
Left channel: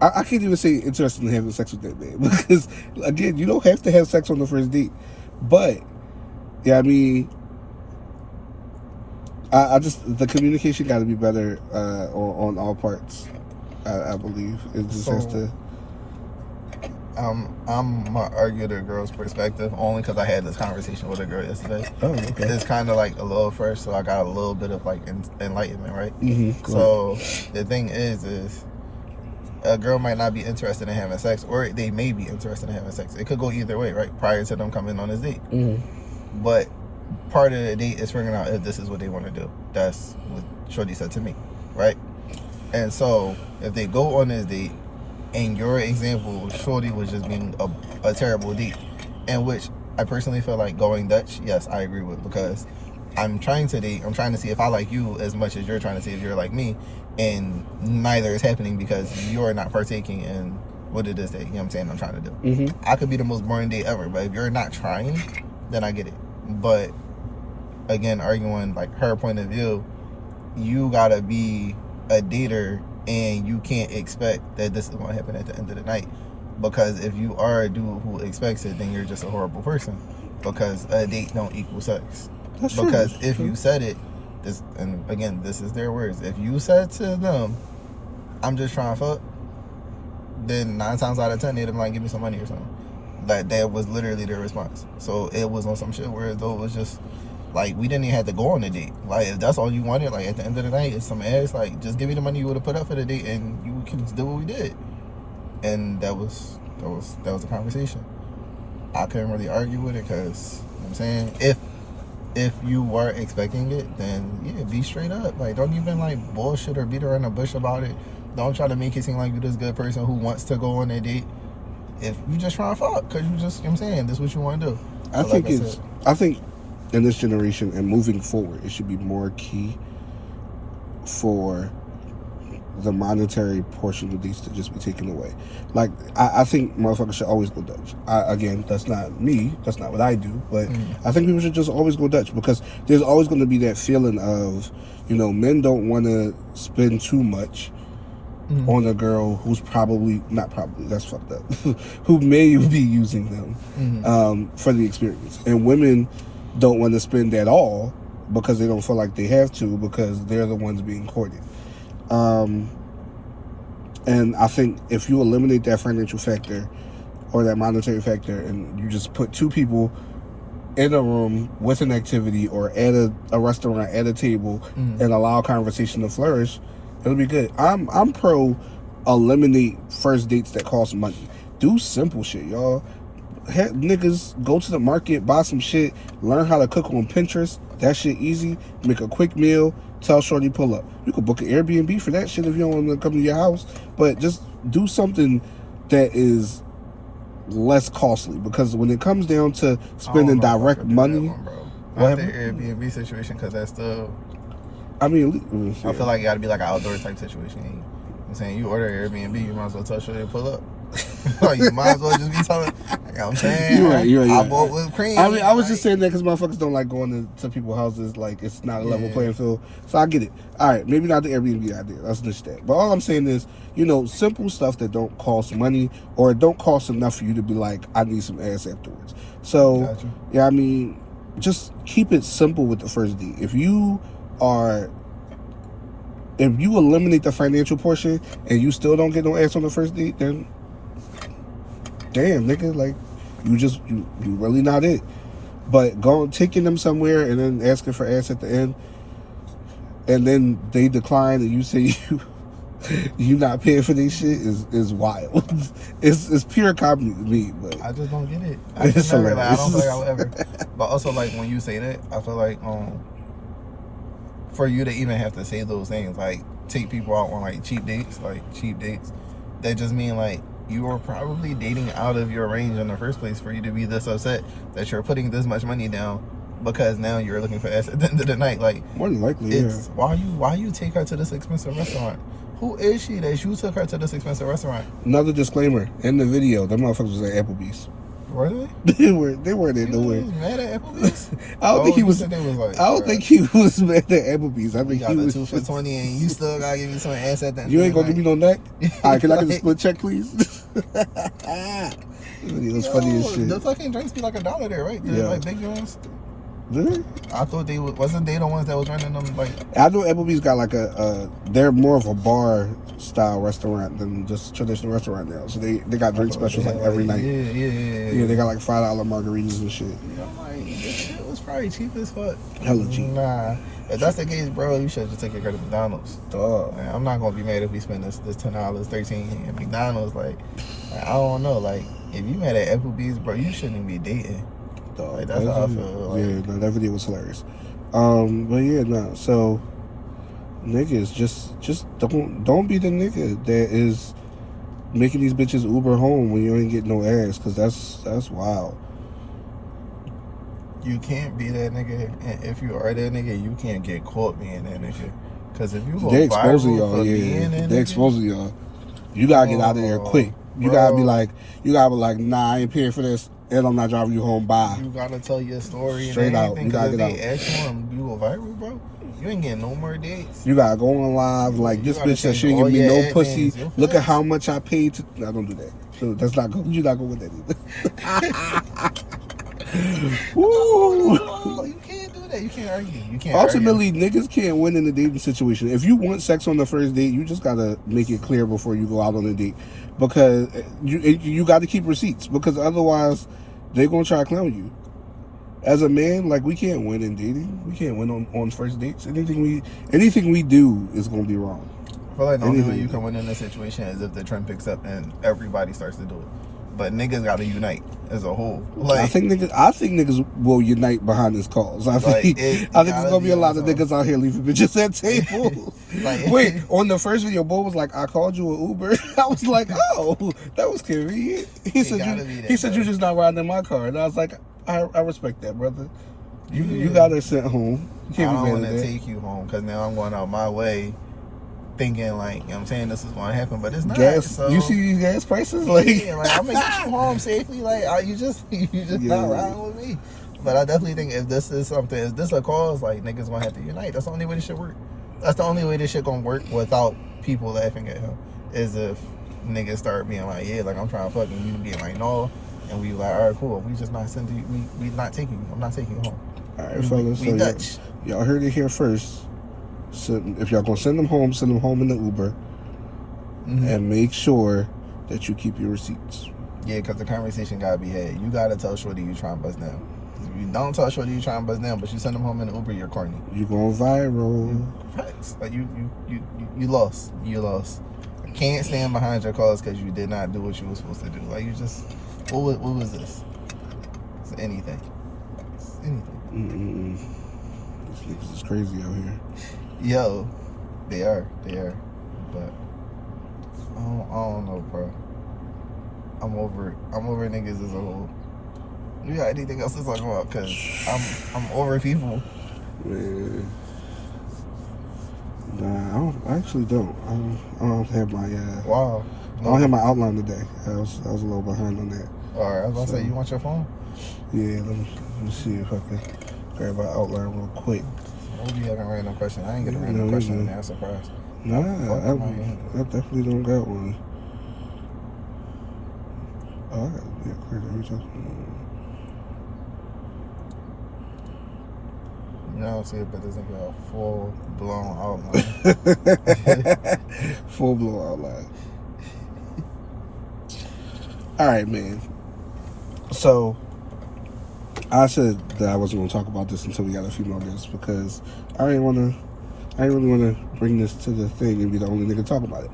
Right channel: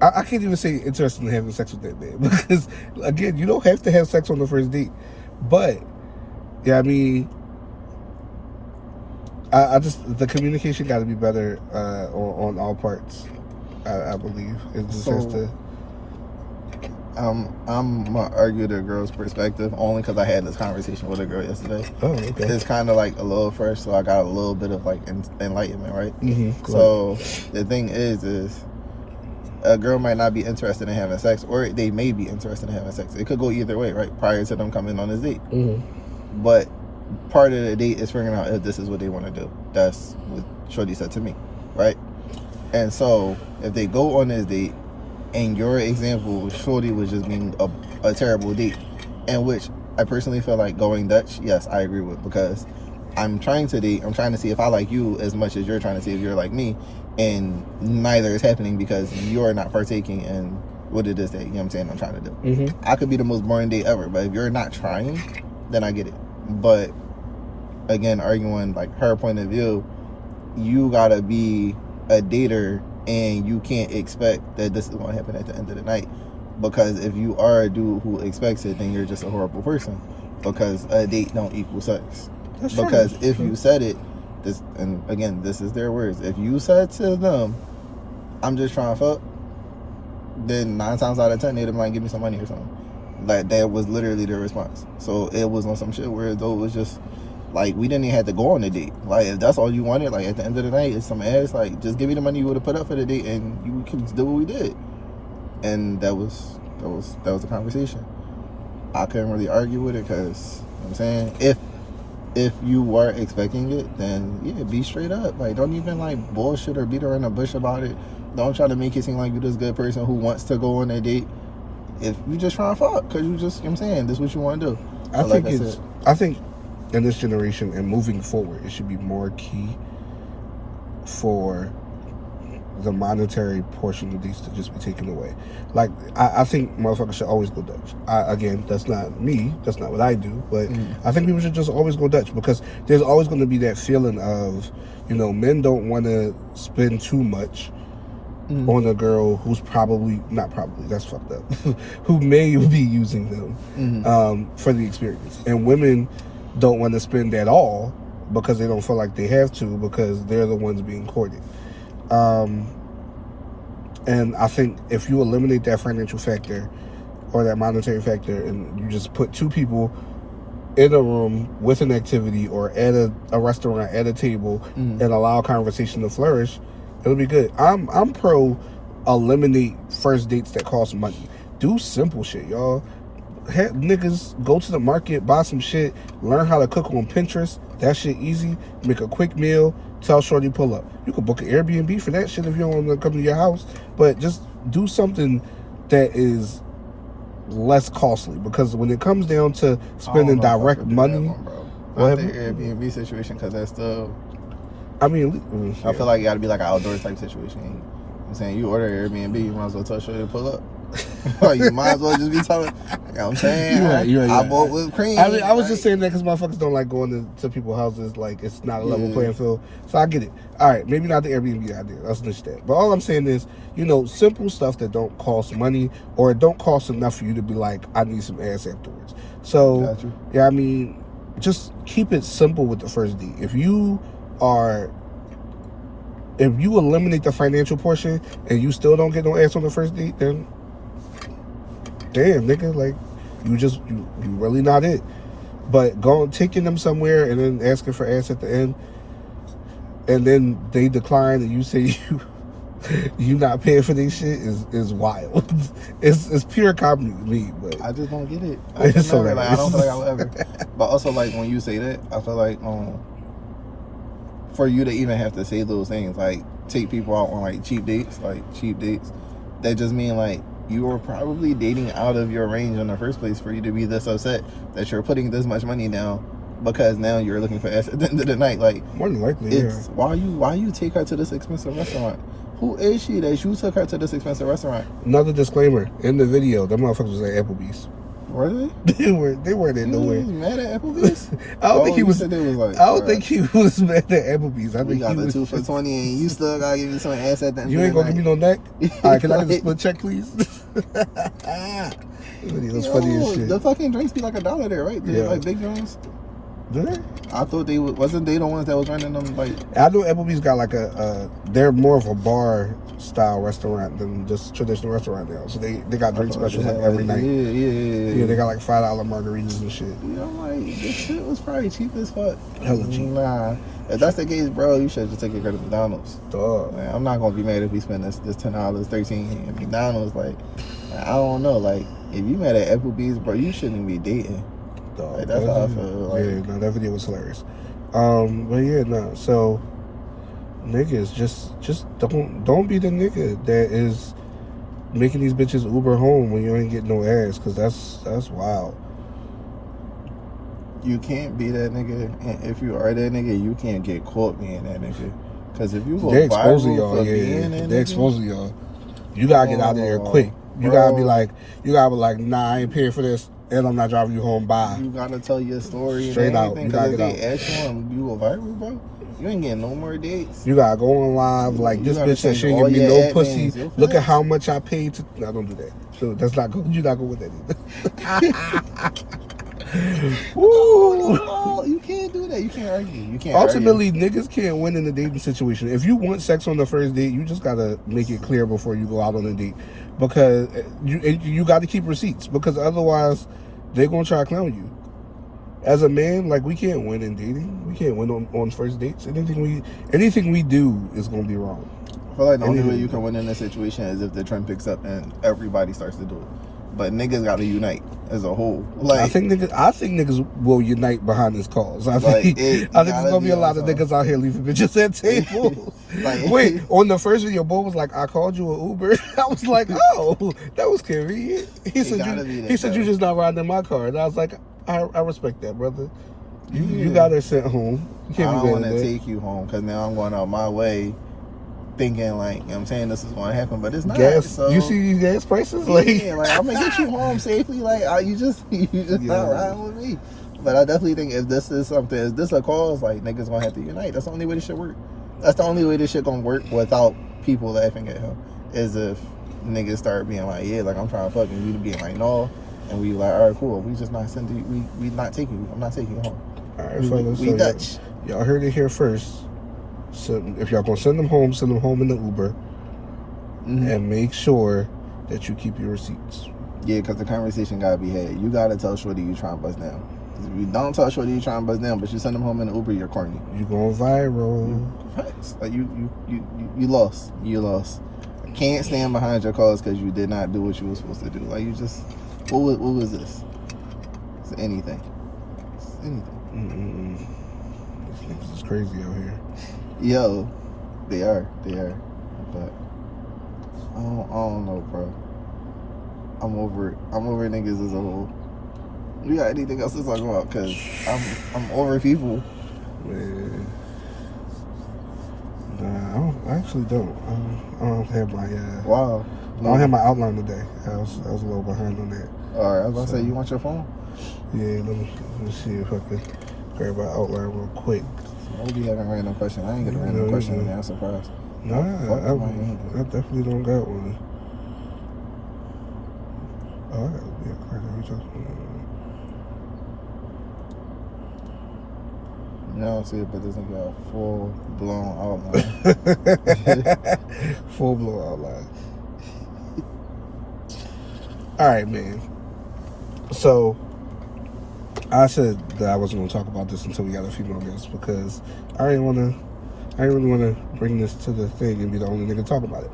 I can't even say interested in having sex with that man because again, you don't have to have sex on the first date. But yeah, I mean, I just the communication got to be better on all parts. I believe it just has to. I'm gonna argue the girl's perspective only because I had this conversation with a girl yesterday. Oh, okay. It's kind of like a little first, so I got a little bit of like enlightenment, right? Mm-hmm. So the thing is a girl might not be interested in having sex, or they may be interested in having sex. It could go either way, right? Prior to them coming on this date. Mm-hmm. But part of the date is figuring out if this is what they want to do. That's what Shorty said to me, right? And so if they go on this date, in your example, Shorty was just being a terrible date, in which I personally feel like going Dutch, yes, I agree with, because I'm trying to date, I'm trying to see if I like you as much as you're trying to see if you're like me, and neither is happening because you're not partaking in what it is that, you know what I'm saying, I'm trying to do. Mm-hmm. I could be the most boring date ever, but if you're not trying, then I get it. But again, arguing like her point of view, you gotta be a dater and you can't expect that this is going to happen at the end of the night, because if you are a dude who expects it, then you're just a horrible person, because a date don't equal sex. That's because true. If you said it, this, and again, this is their words, if you said to them, I'm just trying to fuck, then 9 times out of 10 they'd might give me some money or something. Like that was literally their response. So it was on some shit where though it was just like, we didn't even have to go on a date. Like, if that's all you wanted, like, at the end of the night, it's some ass, like, just give me the money you would have put up for the date, and you can do what we did. And that was the conversation. I couldn't really argue with it, because, you know what I'm saying, if you were expecting it, then, yeah, be straight up. Like, don't even, like, bullshit or beat around the bush about it. Don't try to make it seem like you're this good person who wants to go on a date. If you just trying to fuck, because you just, you know what I'm saying, this is what you want to do. I think in this generation and moving forward, it should be more key for the monetary portion of these to just be taken away. Like, I think motherfuckers should always go Dutch. Again, that's not me. That's not what I do. But I think people should just always go Dutch, because there's always going to be that feeling of, you know, men don't want to spend too much. on a girl who's not probably, that's fucked up, who may be using them for the experience. And women don't want to spend at all because they don't feel like they have to, because they're the ones being courted. And I think if you eliminate that financial factor or that monetary factor, and you just put two people in a room with an activity or at a restaurant at a table and allow conversation to flourish, it'll be good. I'm pro eliminate first dates that cost money. Do simple shit, y'all. Have niggas go to the market, buy some shit, learn how to cook on Pinterest. That shit easy. Make a quick meal, tell shorty pull up. You could book an Airbnb for that shit if you don't want to come to your house, but just do something that is less costly, because when it comes down to spending direct money, what the Airbnb situation, because that's still, I mean, I feel like it got to be like an outdoor type situation. I'm saying, you order Airbnb, you might as well tell shorty to pull up. Like, you might as well just be talking. Like I'm saying, you're right. I bought whipped cream. I mean, I was just saying that because motherfuckers don't like going to people's houses. Like, it's not a level playing field. So I get it. All right, maybe not the Airbnb idea. Let's list that. But all I'm saying is, simple stuff that don't cost money, or it don't cost enough for you to be like, I need some ass afterwards. So, yeah, I mean, just keep it simple with the first date. If you eliminate the financial portion and you still don't get no ass on the first date, then damn, nigga, like, you really not it. But taking them somewhere and then asking for ass at the end, and then they decline and you say you not paying for this shit is wild. It's pure comedy to me, but I just don't get it. It's hilarious. I don't feel like I would ever. But also, like, when you say that, I feel like for you to even have to say those things, like take people out on like cheap dates, that just mean like you were probably dating out of your range in the first place for you to be this upset that you're putting this much money down because now you're looking for ass at the end of the night. Like, more than likely, it's why you take her to this expensive restaurant? Who is she that you took her to this expensive restaurant? Another disclaimer in the video: the motherfuckers was at Applebee's. Were they? They weren't in nowhere. He was mad at Applebee's? I don't think he was. Like, I don't think he was mad at Applebee's. I think he was 2 for $20, and you still gotta give me some ass at the end. You ain't gonna give me no neck. All right, can I get a split check, please? It was funny as shit. The fucking drinks be like $1 there, right? They're like big drinks. Really? I thought wasn't they the ones that was running them like. I know Applebee's got like they're more of a bar style restaurant than just traditional restaurant now. So they got drink specials like every night. Yeah, they got like $5 margaritas and shit. Like, this shit was probably cheap as fuck. Hella cheap. Nah, if that's the case, bro, you should just take your credit to McDonald's. Dog. Man, I'm not gonna be mad if we spend this $10, $13 at McDonald's. Like, I don't know. Like, if you mad at Applebee's, bro, you shouldn't be dating. Dog. Like, that's how I feel. Like, yeah, no, that video was hilarious. But yeah, no. So niggas, just don't be the nigga that is making these bitches Uber home when you ain't getting no ass, because that's wild. You can't be that nigga, and if you are that nigga, you can't get caught being that nigga. Because if you go they exposing y'all, they exposing y'all. You gotta get out of there quick. You gotta be like, nah, I ain't paying for this, and I'm not driving you home. Bye. You gotta tell your story straight out. You gotta get out. Ask you, you go viral, bro. You ain't getting no more dates. You gotta go on live like this bitch that she ain't give me no pussy. Look at how much I paid to. No, don't do that. So that's not good. You're not going with that either. Oh, you can't do that. You can't argue. You can't. Ultimately, niggas can't win in the dating situation. If you want sex on the first date, you just gotta make it clear before you go out on a date, because you got to keep receipts, because otherwise they gonna try to clown you. As a man, like, we can't win in dating. We can't win on first dates. Anything we do is gonna be wrong. I feel like the only way you can win in this situation is if the trend picks up and everybody starts to do it. But niggas got to unite as a whole. Like, I think niggas will unite behind this cause. I think it's gonna be a lot of niggas out here leaving bitches at tables. Wait, on the first video, Bo was like, "I called you an Uber." I was like, "Oh, that was convenient." He said you just not riding in my car, and I was like, "I respect that, brother. You got her sent home. You can't be mad at that." I don't want to take you home because now I'm going out my way, thinking like, you know what I'm saying, this is going to happen, but it's not. Gas, so, you see these gas prices? Like I'm going to get you home safely. Like, you just not riding with me. But I definitely think if this is something, is this a cause, like, niggas going to have to unite. That's the only way this shit work. That's the only way this shit going to work without people laughing at him. as if niggas start being like, yeah, like I'm trying to fuck, and we being like, no, and we like, all right, cool, we just not sending you, we not taking you, I'm not taking you home. All right, fellas. We So Dutch. y'all heard it here first. So if y'all gonna send them home in the Uber, and make sure that you keep your receipts. Yeah, because the conversation gotta be had. You gotta tell Shorty you trying to bust down. 'Cause if you don't tell Shorty you trying to bust down, but you send them home in the Uber, you're corny. You going viral. Facts. Like you lost. You lost. I can't stand behind your calls because you did not do what you were supposed to do. Like you just, what was this? It's anything. It's anything. These niggas is crazy out here. Yo, they are. But I don't know, bro. I'm over it. I'm over niggas as a whole. You got anything else to talk about? Cause I'm over people. Man. Nah, I actually don't. I don't have my Wow. I don't have my outline today. I was a little behind on that. All right, I was about to say, you want your phone? Yeah, let me see if I can grab my outline real quick. Maybe you have a random question. I ain't get a random question and I'm surprised. Nah, I definitely don't got one. All right, yeah, crazy. No, I see it, but this ain't got a full blown outline. Full blown outline. All right, man. So I said that I wasn't gonna talk about this until we got a few more minutes because I didn't really wanna bring this to the thing and be the only nigga to talk about it.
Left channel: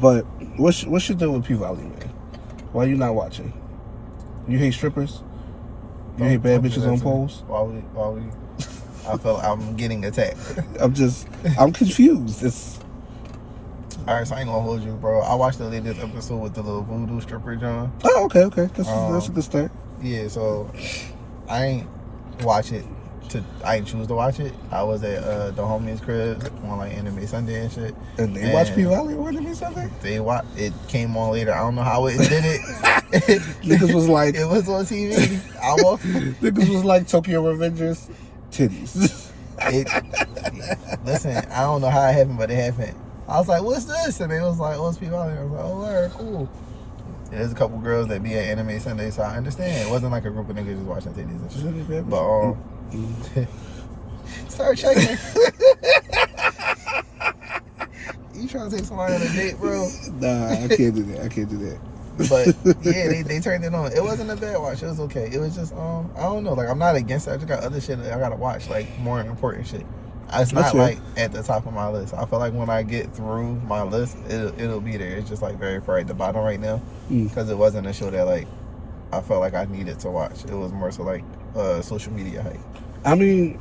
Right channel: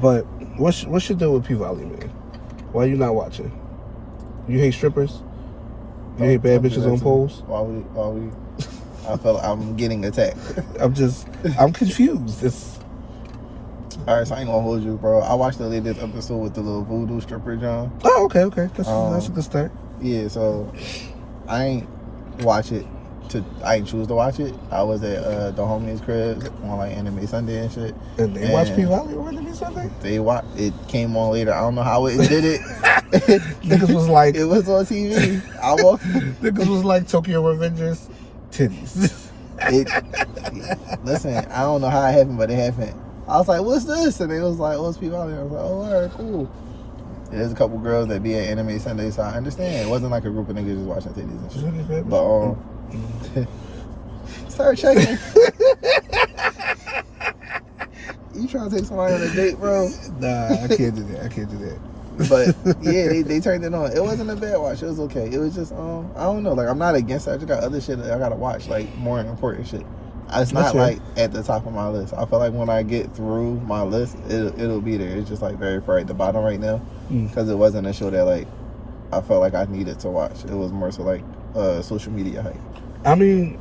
But what's your deal with P Valley, man? Why you not watching? You hate strippers? You hate bad bitches on poles? While we I feel like I'm getting attacked. I'm confused. Alright, so I ain't gonna hold you, bro. I watched the latest episode with the little voodoo stripper, John. Oh, okay. That's a good start. Yeah, so I ain't watch it. I ain't choose to watch it. I was at the homie's crib on like Anime Sunday and shit. And they watch P Valley on Anime Sunday? They watched. It came on later. I don't know how it did it. Niggas was like, it was on TV. Niggas was like Tokyo Revengers titties. Listen, I don't know how it happened, but it happened. I was like, what's this? And they was like, oh, it's P Valley. I was like, oh, all right, cool. There's a couple girls that be at Anime Sunday, so I understand. It wasn't like a group of niggas just watching titties and shit. But start checking. You trying to take somebody on a date, bro? Nah, I can't do that. But yeah, they turned it on. It wasn't a bad watch. It was okay. It was just I don't know. Like I'm not against it. I just got other shit that I gotta watch, like more important shit. It's not like at the top of my list. I feel like when I get through my list, it'll be there. It's just like very far at the bottom right now because it wasn't a show that like I felt like I needed to watch. It was more so like social media hype. I mean,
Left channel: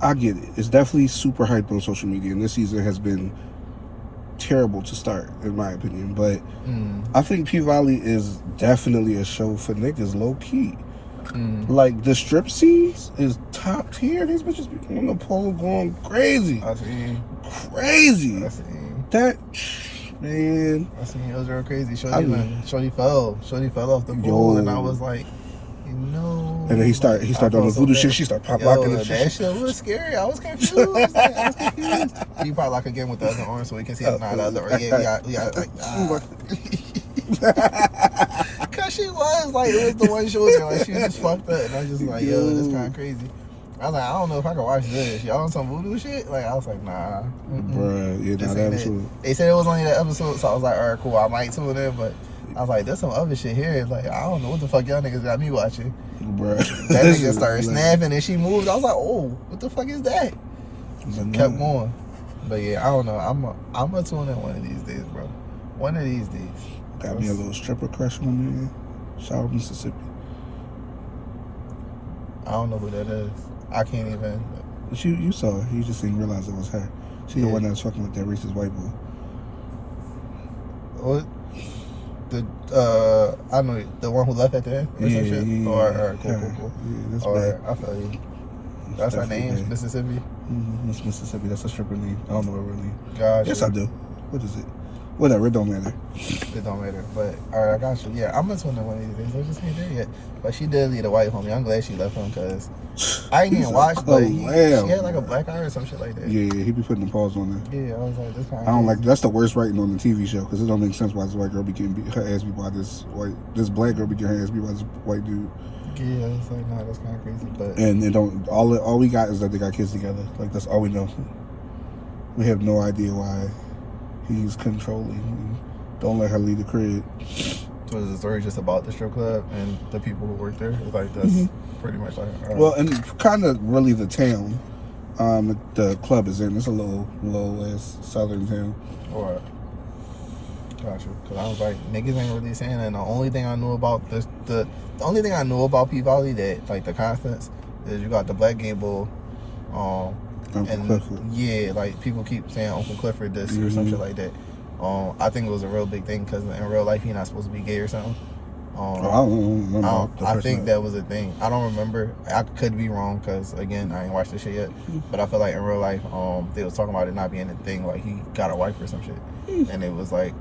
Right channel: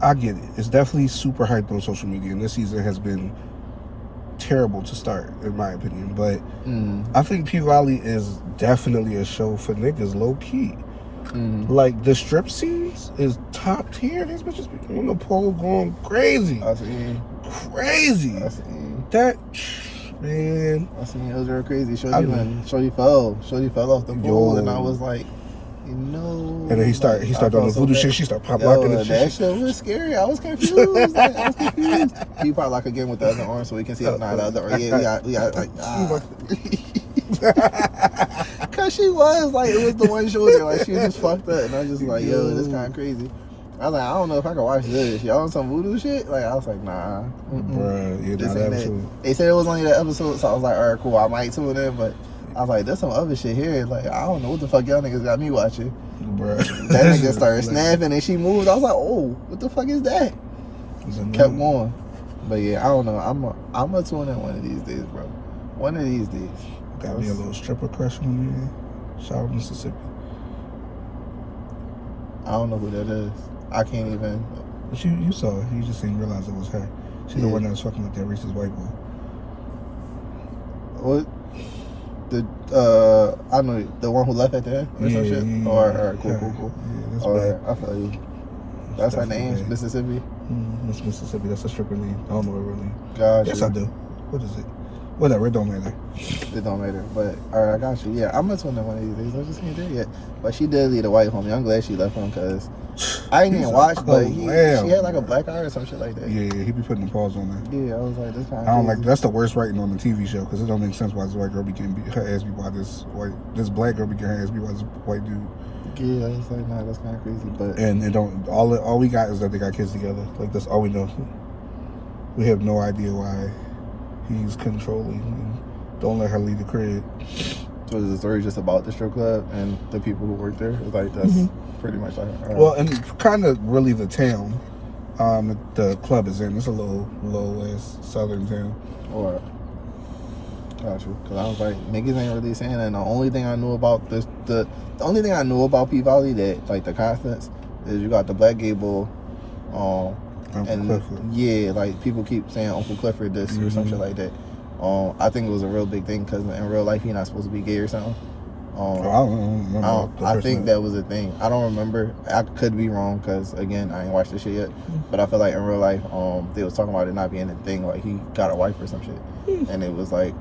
I get it. It's definitely super hyped on social media, and this season has been terrible to start, in my opinion. But I think P Valley is definitely a show for niggas, low key. Like the strip scenes is top tier. These bitches be on the pole going crazy. I see. Crazy. I see. That man. I seen it was real crazy. Shorty fell off the pole, and I was like, you know. And then he start doing the voodoo shit. She start pop locking and shit. That shit was scary. I was confused. He pop lock again with the other arm so we can see if not the other. Yeah, we got like. Cause she was like, it was the one shoulder, like she was just fucked up, and I was just like, yo, this kind of crazy. I was like, I don't know if I can watch this. Y'all on some voodoo shit? Like, I was like, nah. Bruh, they said it was only the episode, so I was like, all right, cool, I might tune in, but I was like, there's some other shit here. Like, I don't know what the fuck y'all niggas got me watching. Bruh. That nigga started snapping and she moved. I was like, oh, what the fuck is that? So kept going. But yeah, I don't know. I'm gonna tune in one of these days, bro. One of these days. Got me a little stripper crush one year. Shout out Mississippi. I don't know who that is. I can't even. You saw it. You just didn't realize it was her. She's the one that was fucking with that racist white boy. What? I know the one who left at the end. Yeah. Alright, cool. Yeah, Alright, I feel you. That's her name, Mississippi. Miss Mississippi. That's a stripper name. I don't know her real name. Gosh. Yes, I do. What is it? Whatever, it don't matter. It don't matter. But alright, I got you. Yeah, I'm gonna tune in one of these days. I just ain't there yet. But she did leave a white homie. I'm glad she left him because I ain't even watched, but she had like a black eye or some shit like that. Yeah, he be putting the paws on her. Yeah, I was like, this kind of. I don't like. That's the worst writing on the TV show because it don't make sense why this white girl be getting her ass beat by this black girl be getting her ass beat by this white dude. Yeah, I was like, nah, that's kind of crazy. But And it don't. All we got is that they got kids together. Like that's all we know. We have no idea why he's controlling. And don't let her leave the crib. so is the story just about the strip club and the people who work there? It's like that's pretty much like. Well, and kind of really the town. The club is in. It's a little ass southern town. Alright. Got you. Cause I was like, niggas ain't really saying that. And the only thing I knew about the only thing I knew about P Valley that like the constants is you got the Black Gable, Uncle Clifford. Yeah, like people keep saying Uncle Clifford this or some shit like that. I think it was a real big thing because in real life he's not supposed to be gay or something. I don't remember. I think that was a thing. I don't remember. I could be wrong because again I ain't watched this shit yet. But I feel like in real life, they was talking about it not being a thing. Like he got a wife or some shit, and it was like,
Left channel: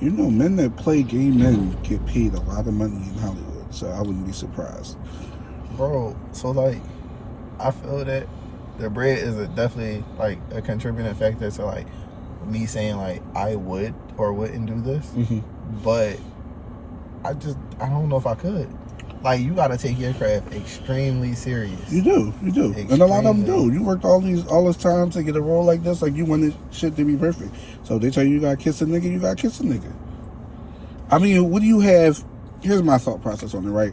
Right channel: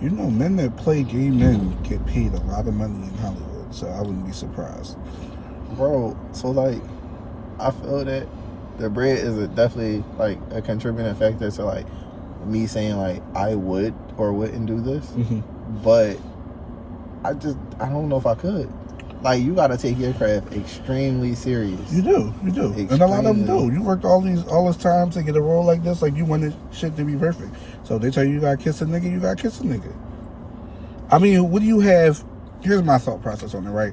you know, men that play gay men get paid a lot of money in Hollywood, so I wouldn't be surprised. bro. So like, I feel that the bread is definitely like a contributing factor to like me saying like I would or wouldn't do this, but I don't know if I could. Like you gotta take your craft extremely serious. You do, and a lot of them do. You worked all this time to get a role like this. Like you wanted shit to be perfect. So they tell you you gotta kiss a nigga, you gotta kiss a nigga. I mean, what do you have? Here's my thought process on it. Right,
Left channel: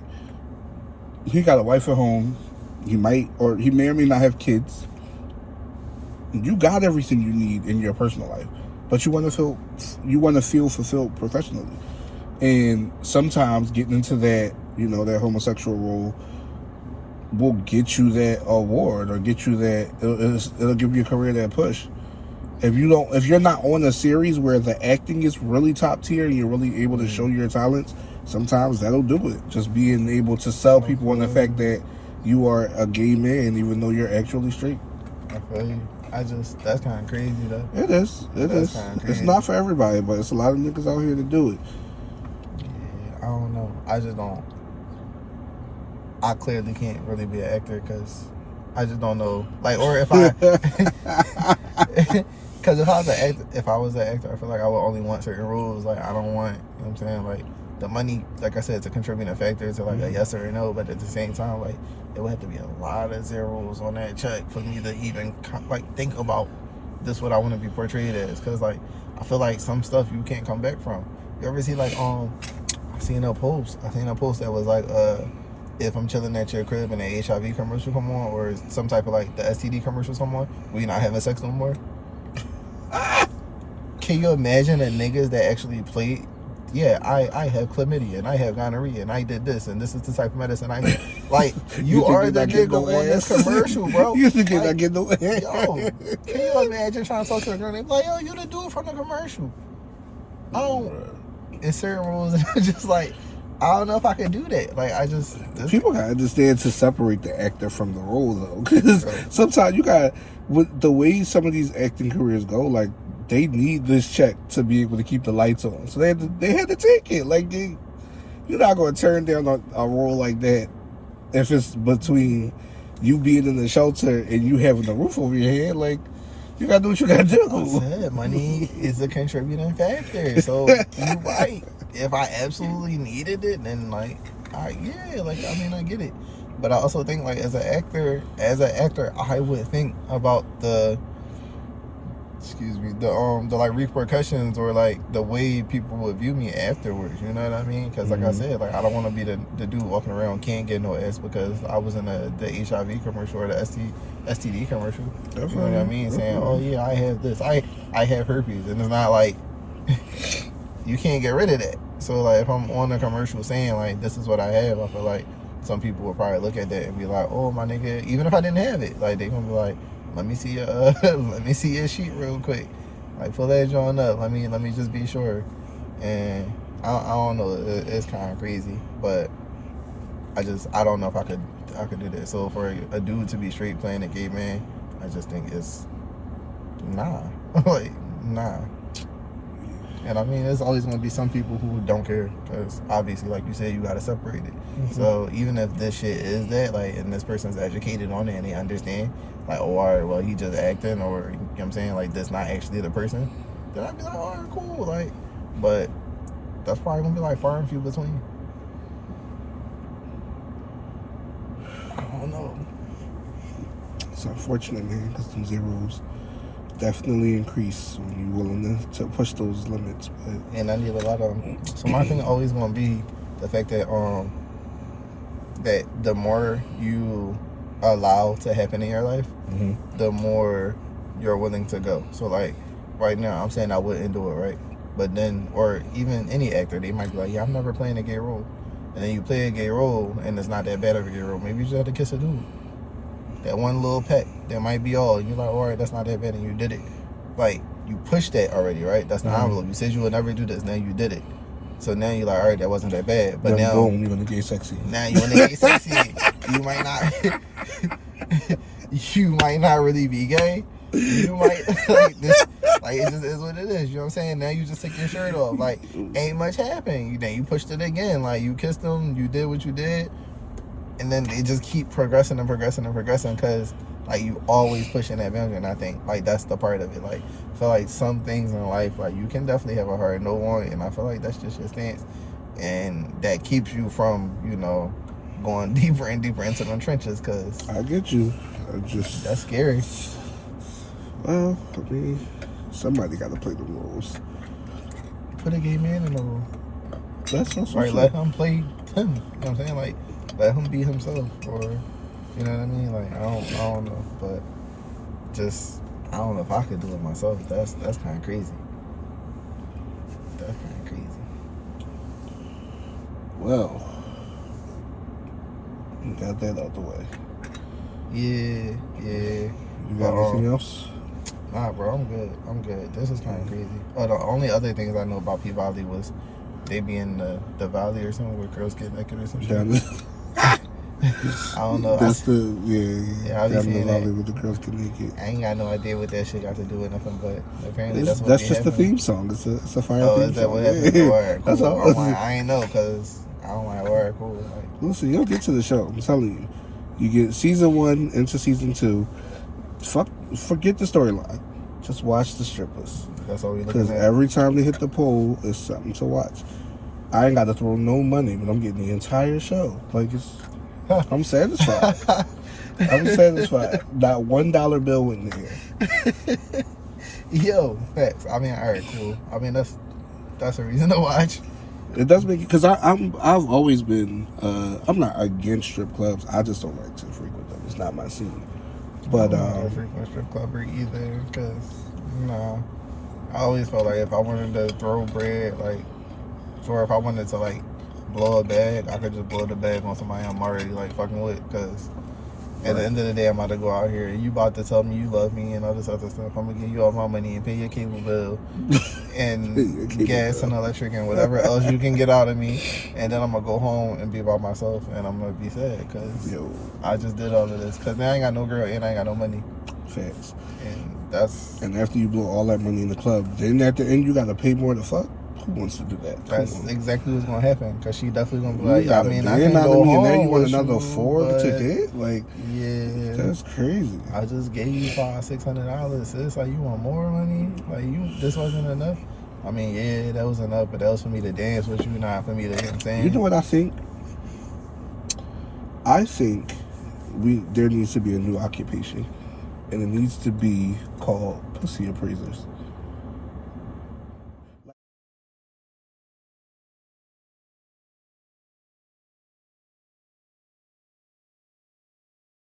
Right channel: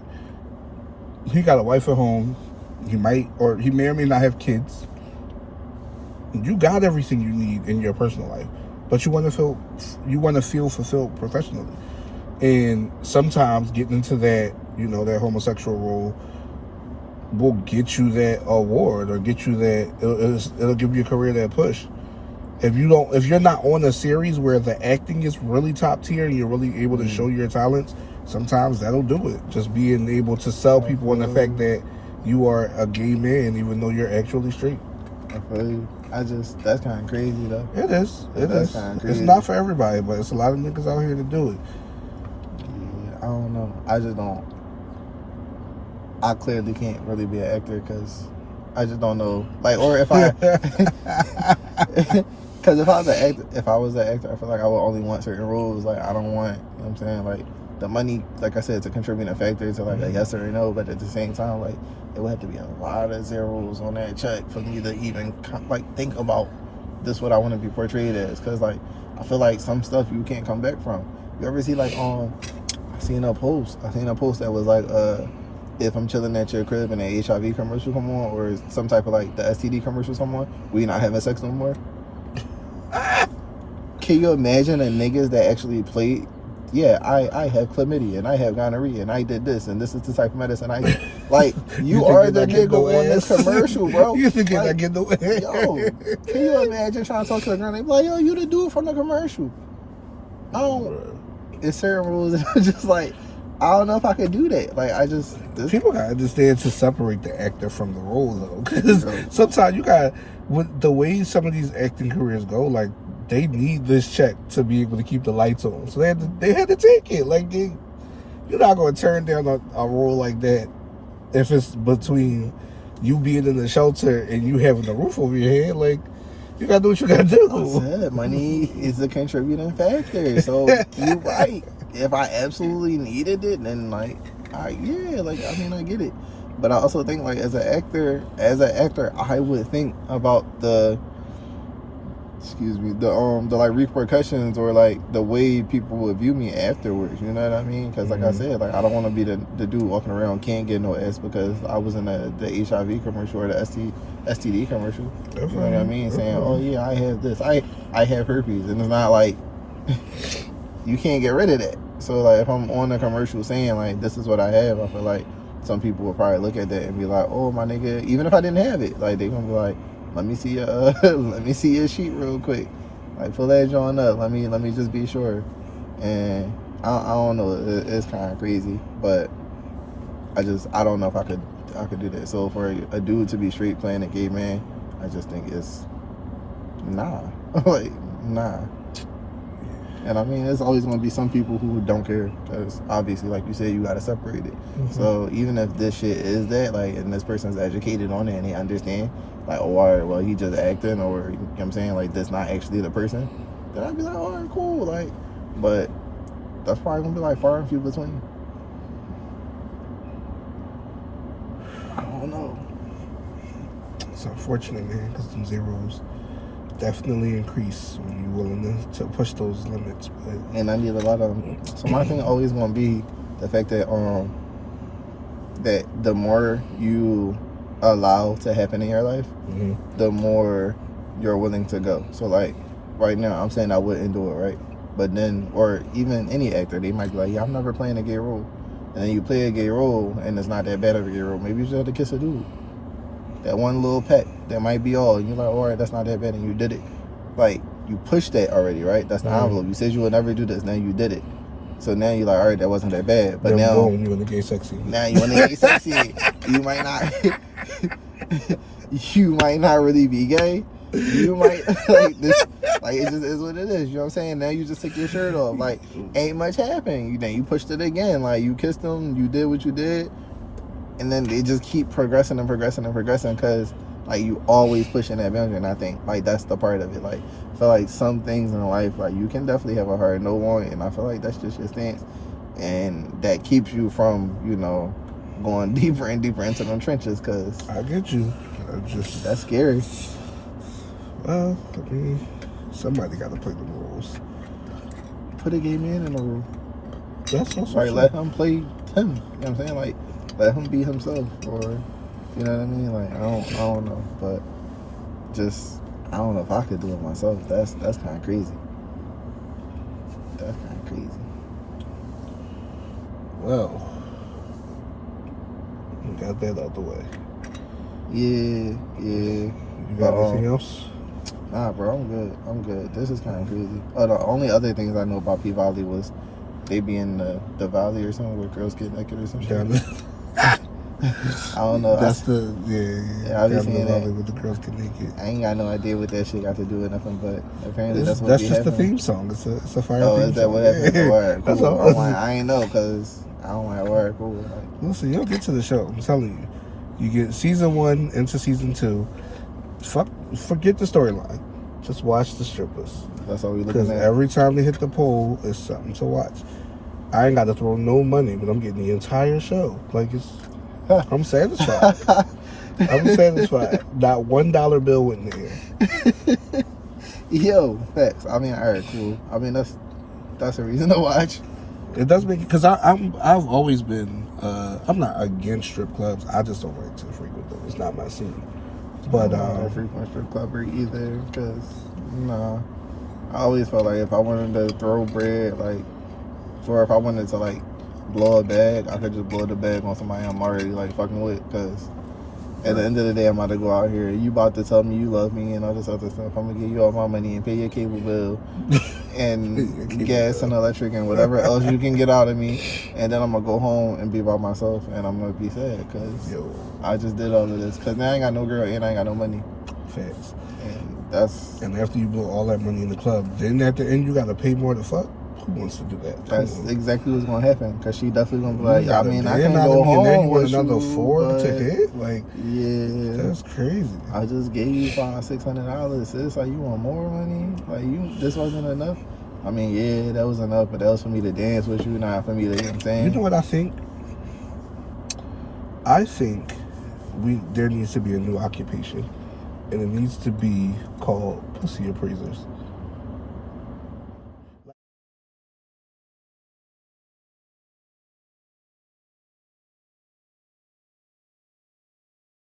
he got a wife at home. He may or may not have kids. You got everything you need in your personal life, but you want to feel fulfilled professionally. And sometimes getting into that, that homosexual role will get you that award or get you that, it'll give you a career that push. If you're not on a series where the acting is really top tier and you're really able to show your talents, sometimes that'll do it. Just being able to sell people on the fact that you are a gay man even though you're actually straight. I feel you. That's kind of crazy though. It is. It's not for everybody, but it's a lot of niggas out here to do it. I don't know. I just don't. I clearly can't really be an actor because I just don't know. Like, or if I, because if I was an actor, I feel like I would only want certain roles. Like, I don't want. You know what I'm saying? Like, the money, like I said, it's a contributing factor to like a yes or a no. But at the same time, like, it would have to be a lot of zeros on that check for me to even like think about this what I want to be portrayed as. Because like, I feel like some stuff you can't come back from. You ever see like I seen a post that was like, if I'm chilling at your crib and the HIV commercial come on, or some type of like the STD commercials come on, we not having sex no more. Can you imagine the niggas that actually played? Yeah, I have chlamydia and I have gonorrhea and I did this and this is the type of medicine I like. You are the nigga on this commercial, bro. You think I get no ass? Yo, can you imagine trying to talk to a girl and they be like, yo, you the dude from the commercial? I don't. It's certain rules and I'm just like, I don't know if I could do that. Like, people gotta understand to separate the actor from the role though, because sometimes you got with the way some of these acting careers go, like they need this check to be able to keep the lights on, so they had to take it. Like you're not gonna turn down a role like that if it's between you being in the shelter and you having the roof over your head. Like you gotta do what you gotta do. Money is a contributing factor, so you're right. If I absolutely needed it, then like, I get it. But I also think like as an actor, I would think about the like repercussions or like the way people would view me afterwards. You know what I mean? Because like I said, like I don't want to be the dude walking around can't get no ass because I was in the HIV commercial or the STD commercial. You know what I mean? Saying, oh yeah, I have this, I have herpes, and it's not like you can't get rid of that. So like if I'm on a commercial saying like this is what I have, I feel like some people would probably look at that and be like, oh my nigga, even if I didn't have it, like they gonna be like, let me see your sheet real quick, like pull that joint up, let me just be sure. And I don't know, it's kind of crazy, but I don't know if I could do that. So for a dude to be straight playing a gay man, I just think it's nah. Like nah. And I mean, there's always going to be some people who don't care, because obviously, like you said, you got to separate it. Mm-hmm. So even if this shit is that, like, and this person's educated on it and they understand, like, oh, all right, well, he just acting, or, you know what I'm saying, like, that's not actually the person, then I'd be like, all right, cool, like, but that's probably going to be, like, far and few between. I don't know. It's unfortunate, man, because them zeros definitely increase when you're willing to push those limits. But And I need a lot of them. So my thing always going to be the fact that that the more you allow to happen in your life, the more you're willing to go. So like right now, I'm saying I wouldn't do it, right? But then, or even any actor, they might be like, yeah, I'm never playing a gay role. And then you play a gay role and it's not that bad of a gay role. Maybe you just have to kiss a dude. That one little peck, that might be all. And you're like, all right, that's not that bad, and you did it. Like, you pushed that already, right? That's the envelope. You said you would never do this, now you did it. So now you're like, all right, that wasn't that bad. But then now, boom, you in the gay sexy. now you want to get sexy. You might not, you might not really be gay. You might, like, this, like, it just is what it is. You know what I'm saying? Now you just took your shirt off. Like, ain't much happened. Then you pushed it again. Like, you kissed them, you did what you did. And then they just keep progressing and progressing and progressing, because like you always pushing that boundary. And I think like that's the part of it. Like I feel like some things in life, like you can definitely have a hard no warrant, and I feel like that's just your stance, and that keeps you from, you know, going deeper and deeper into them trenches. Because I get you. that's scary. Well, I mean, somebody got to play the rules. Put a gay man in the role. That's also Right, true. let him play him. You know what I'm saying? Like, let him be himself, or you know what I mean? Like, I don't know, but just I don't know if I could do it myself. That's kind of crazy. That's kind of crazy. Well, we got that out the way. Yeah. You got anything else? Nah, bro, I'm good. This is kind of crazy. Oh, the only other things I know about P-Valley was they be in the valley or something where girls get naked or some shit. I don't know. That's yeah, I be down in seeing the that. valley with the girls get naked. I ain't got no idea what that shit got to do with nothing, but apparently That's that's just the theme song. It's a fire Oh, theme is that song. what Yeah. happened? Word, That's cool. all. I'm like, I ain't know, because I don't like word. Cool. Like, Listen, you'll get to the show. I'm telling you. You get season 1 into season 2. Forget the storyline. Just watch the strippers. that's all we Because looking at. every time they hit the pole, it's something to watch. I ain't got to throw no money, but I'm getting the entire show. Like, I'm satisfied. I'm satisfied. Not $1 bill went there. Yo, facts. I mean, alright, cool. I mean, that's a reason to watch. It does make, because I've always been, I'm not against strip clubs. I just don't like to frequent them. It's not my scene. But I'm not a frequent strip clubber either, because nah, I always felt like if I wanted to throw bread, like, or if I wanted to like blow a bag, I could just blow the bag on somebody I'm already like fucking with. Because at the end of the day, I'm about to go out here. You about to tell me you love me and all this other stuff. I'm gonna give you all my money and pay your cable bill and gas and electric and whatever else you can get out of me. And then I'm gonna go home and be by myself, and I'm gonna be sad because I just did all of this. Because now I ain't got no girl and I ain't got no money. Facts. And after you blow all that money in the club, then at the end you gotta pay more to fuck. Who wants to do that? that's exactly what's gonna happen. Because she definitely gonna be like, You I gotta mean, pay I can go out of me, and then home you want with another you, 4 but to hit? Like, yeah, that's crazy. I just gave you $500-$600. Sis, like, you want more money? Like, this wasn't enough? I mean, yeah, that was enough, but that was for me to dance with you, not for me to, you know what I'm saying? You know what I think? I think there needs to be a new occupation, and it needs to be called pussy appraisers.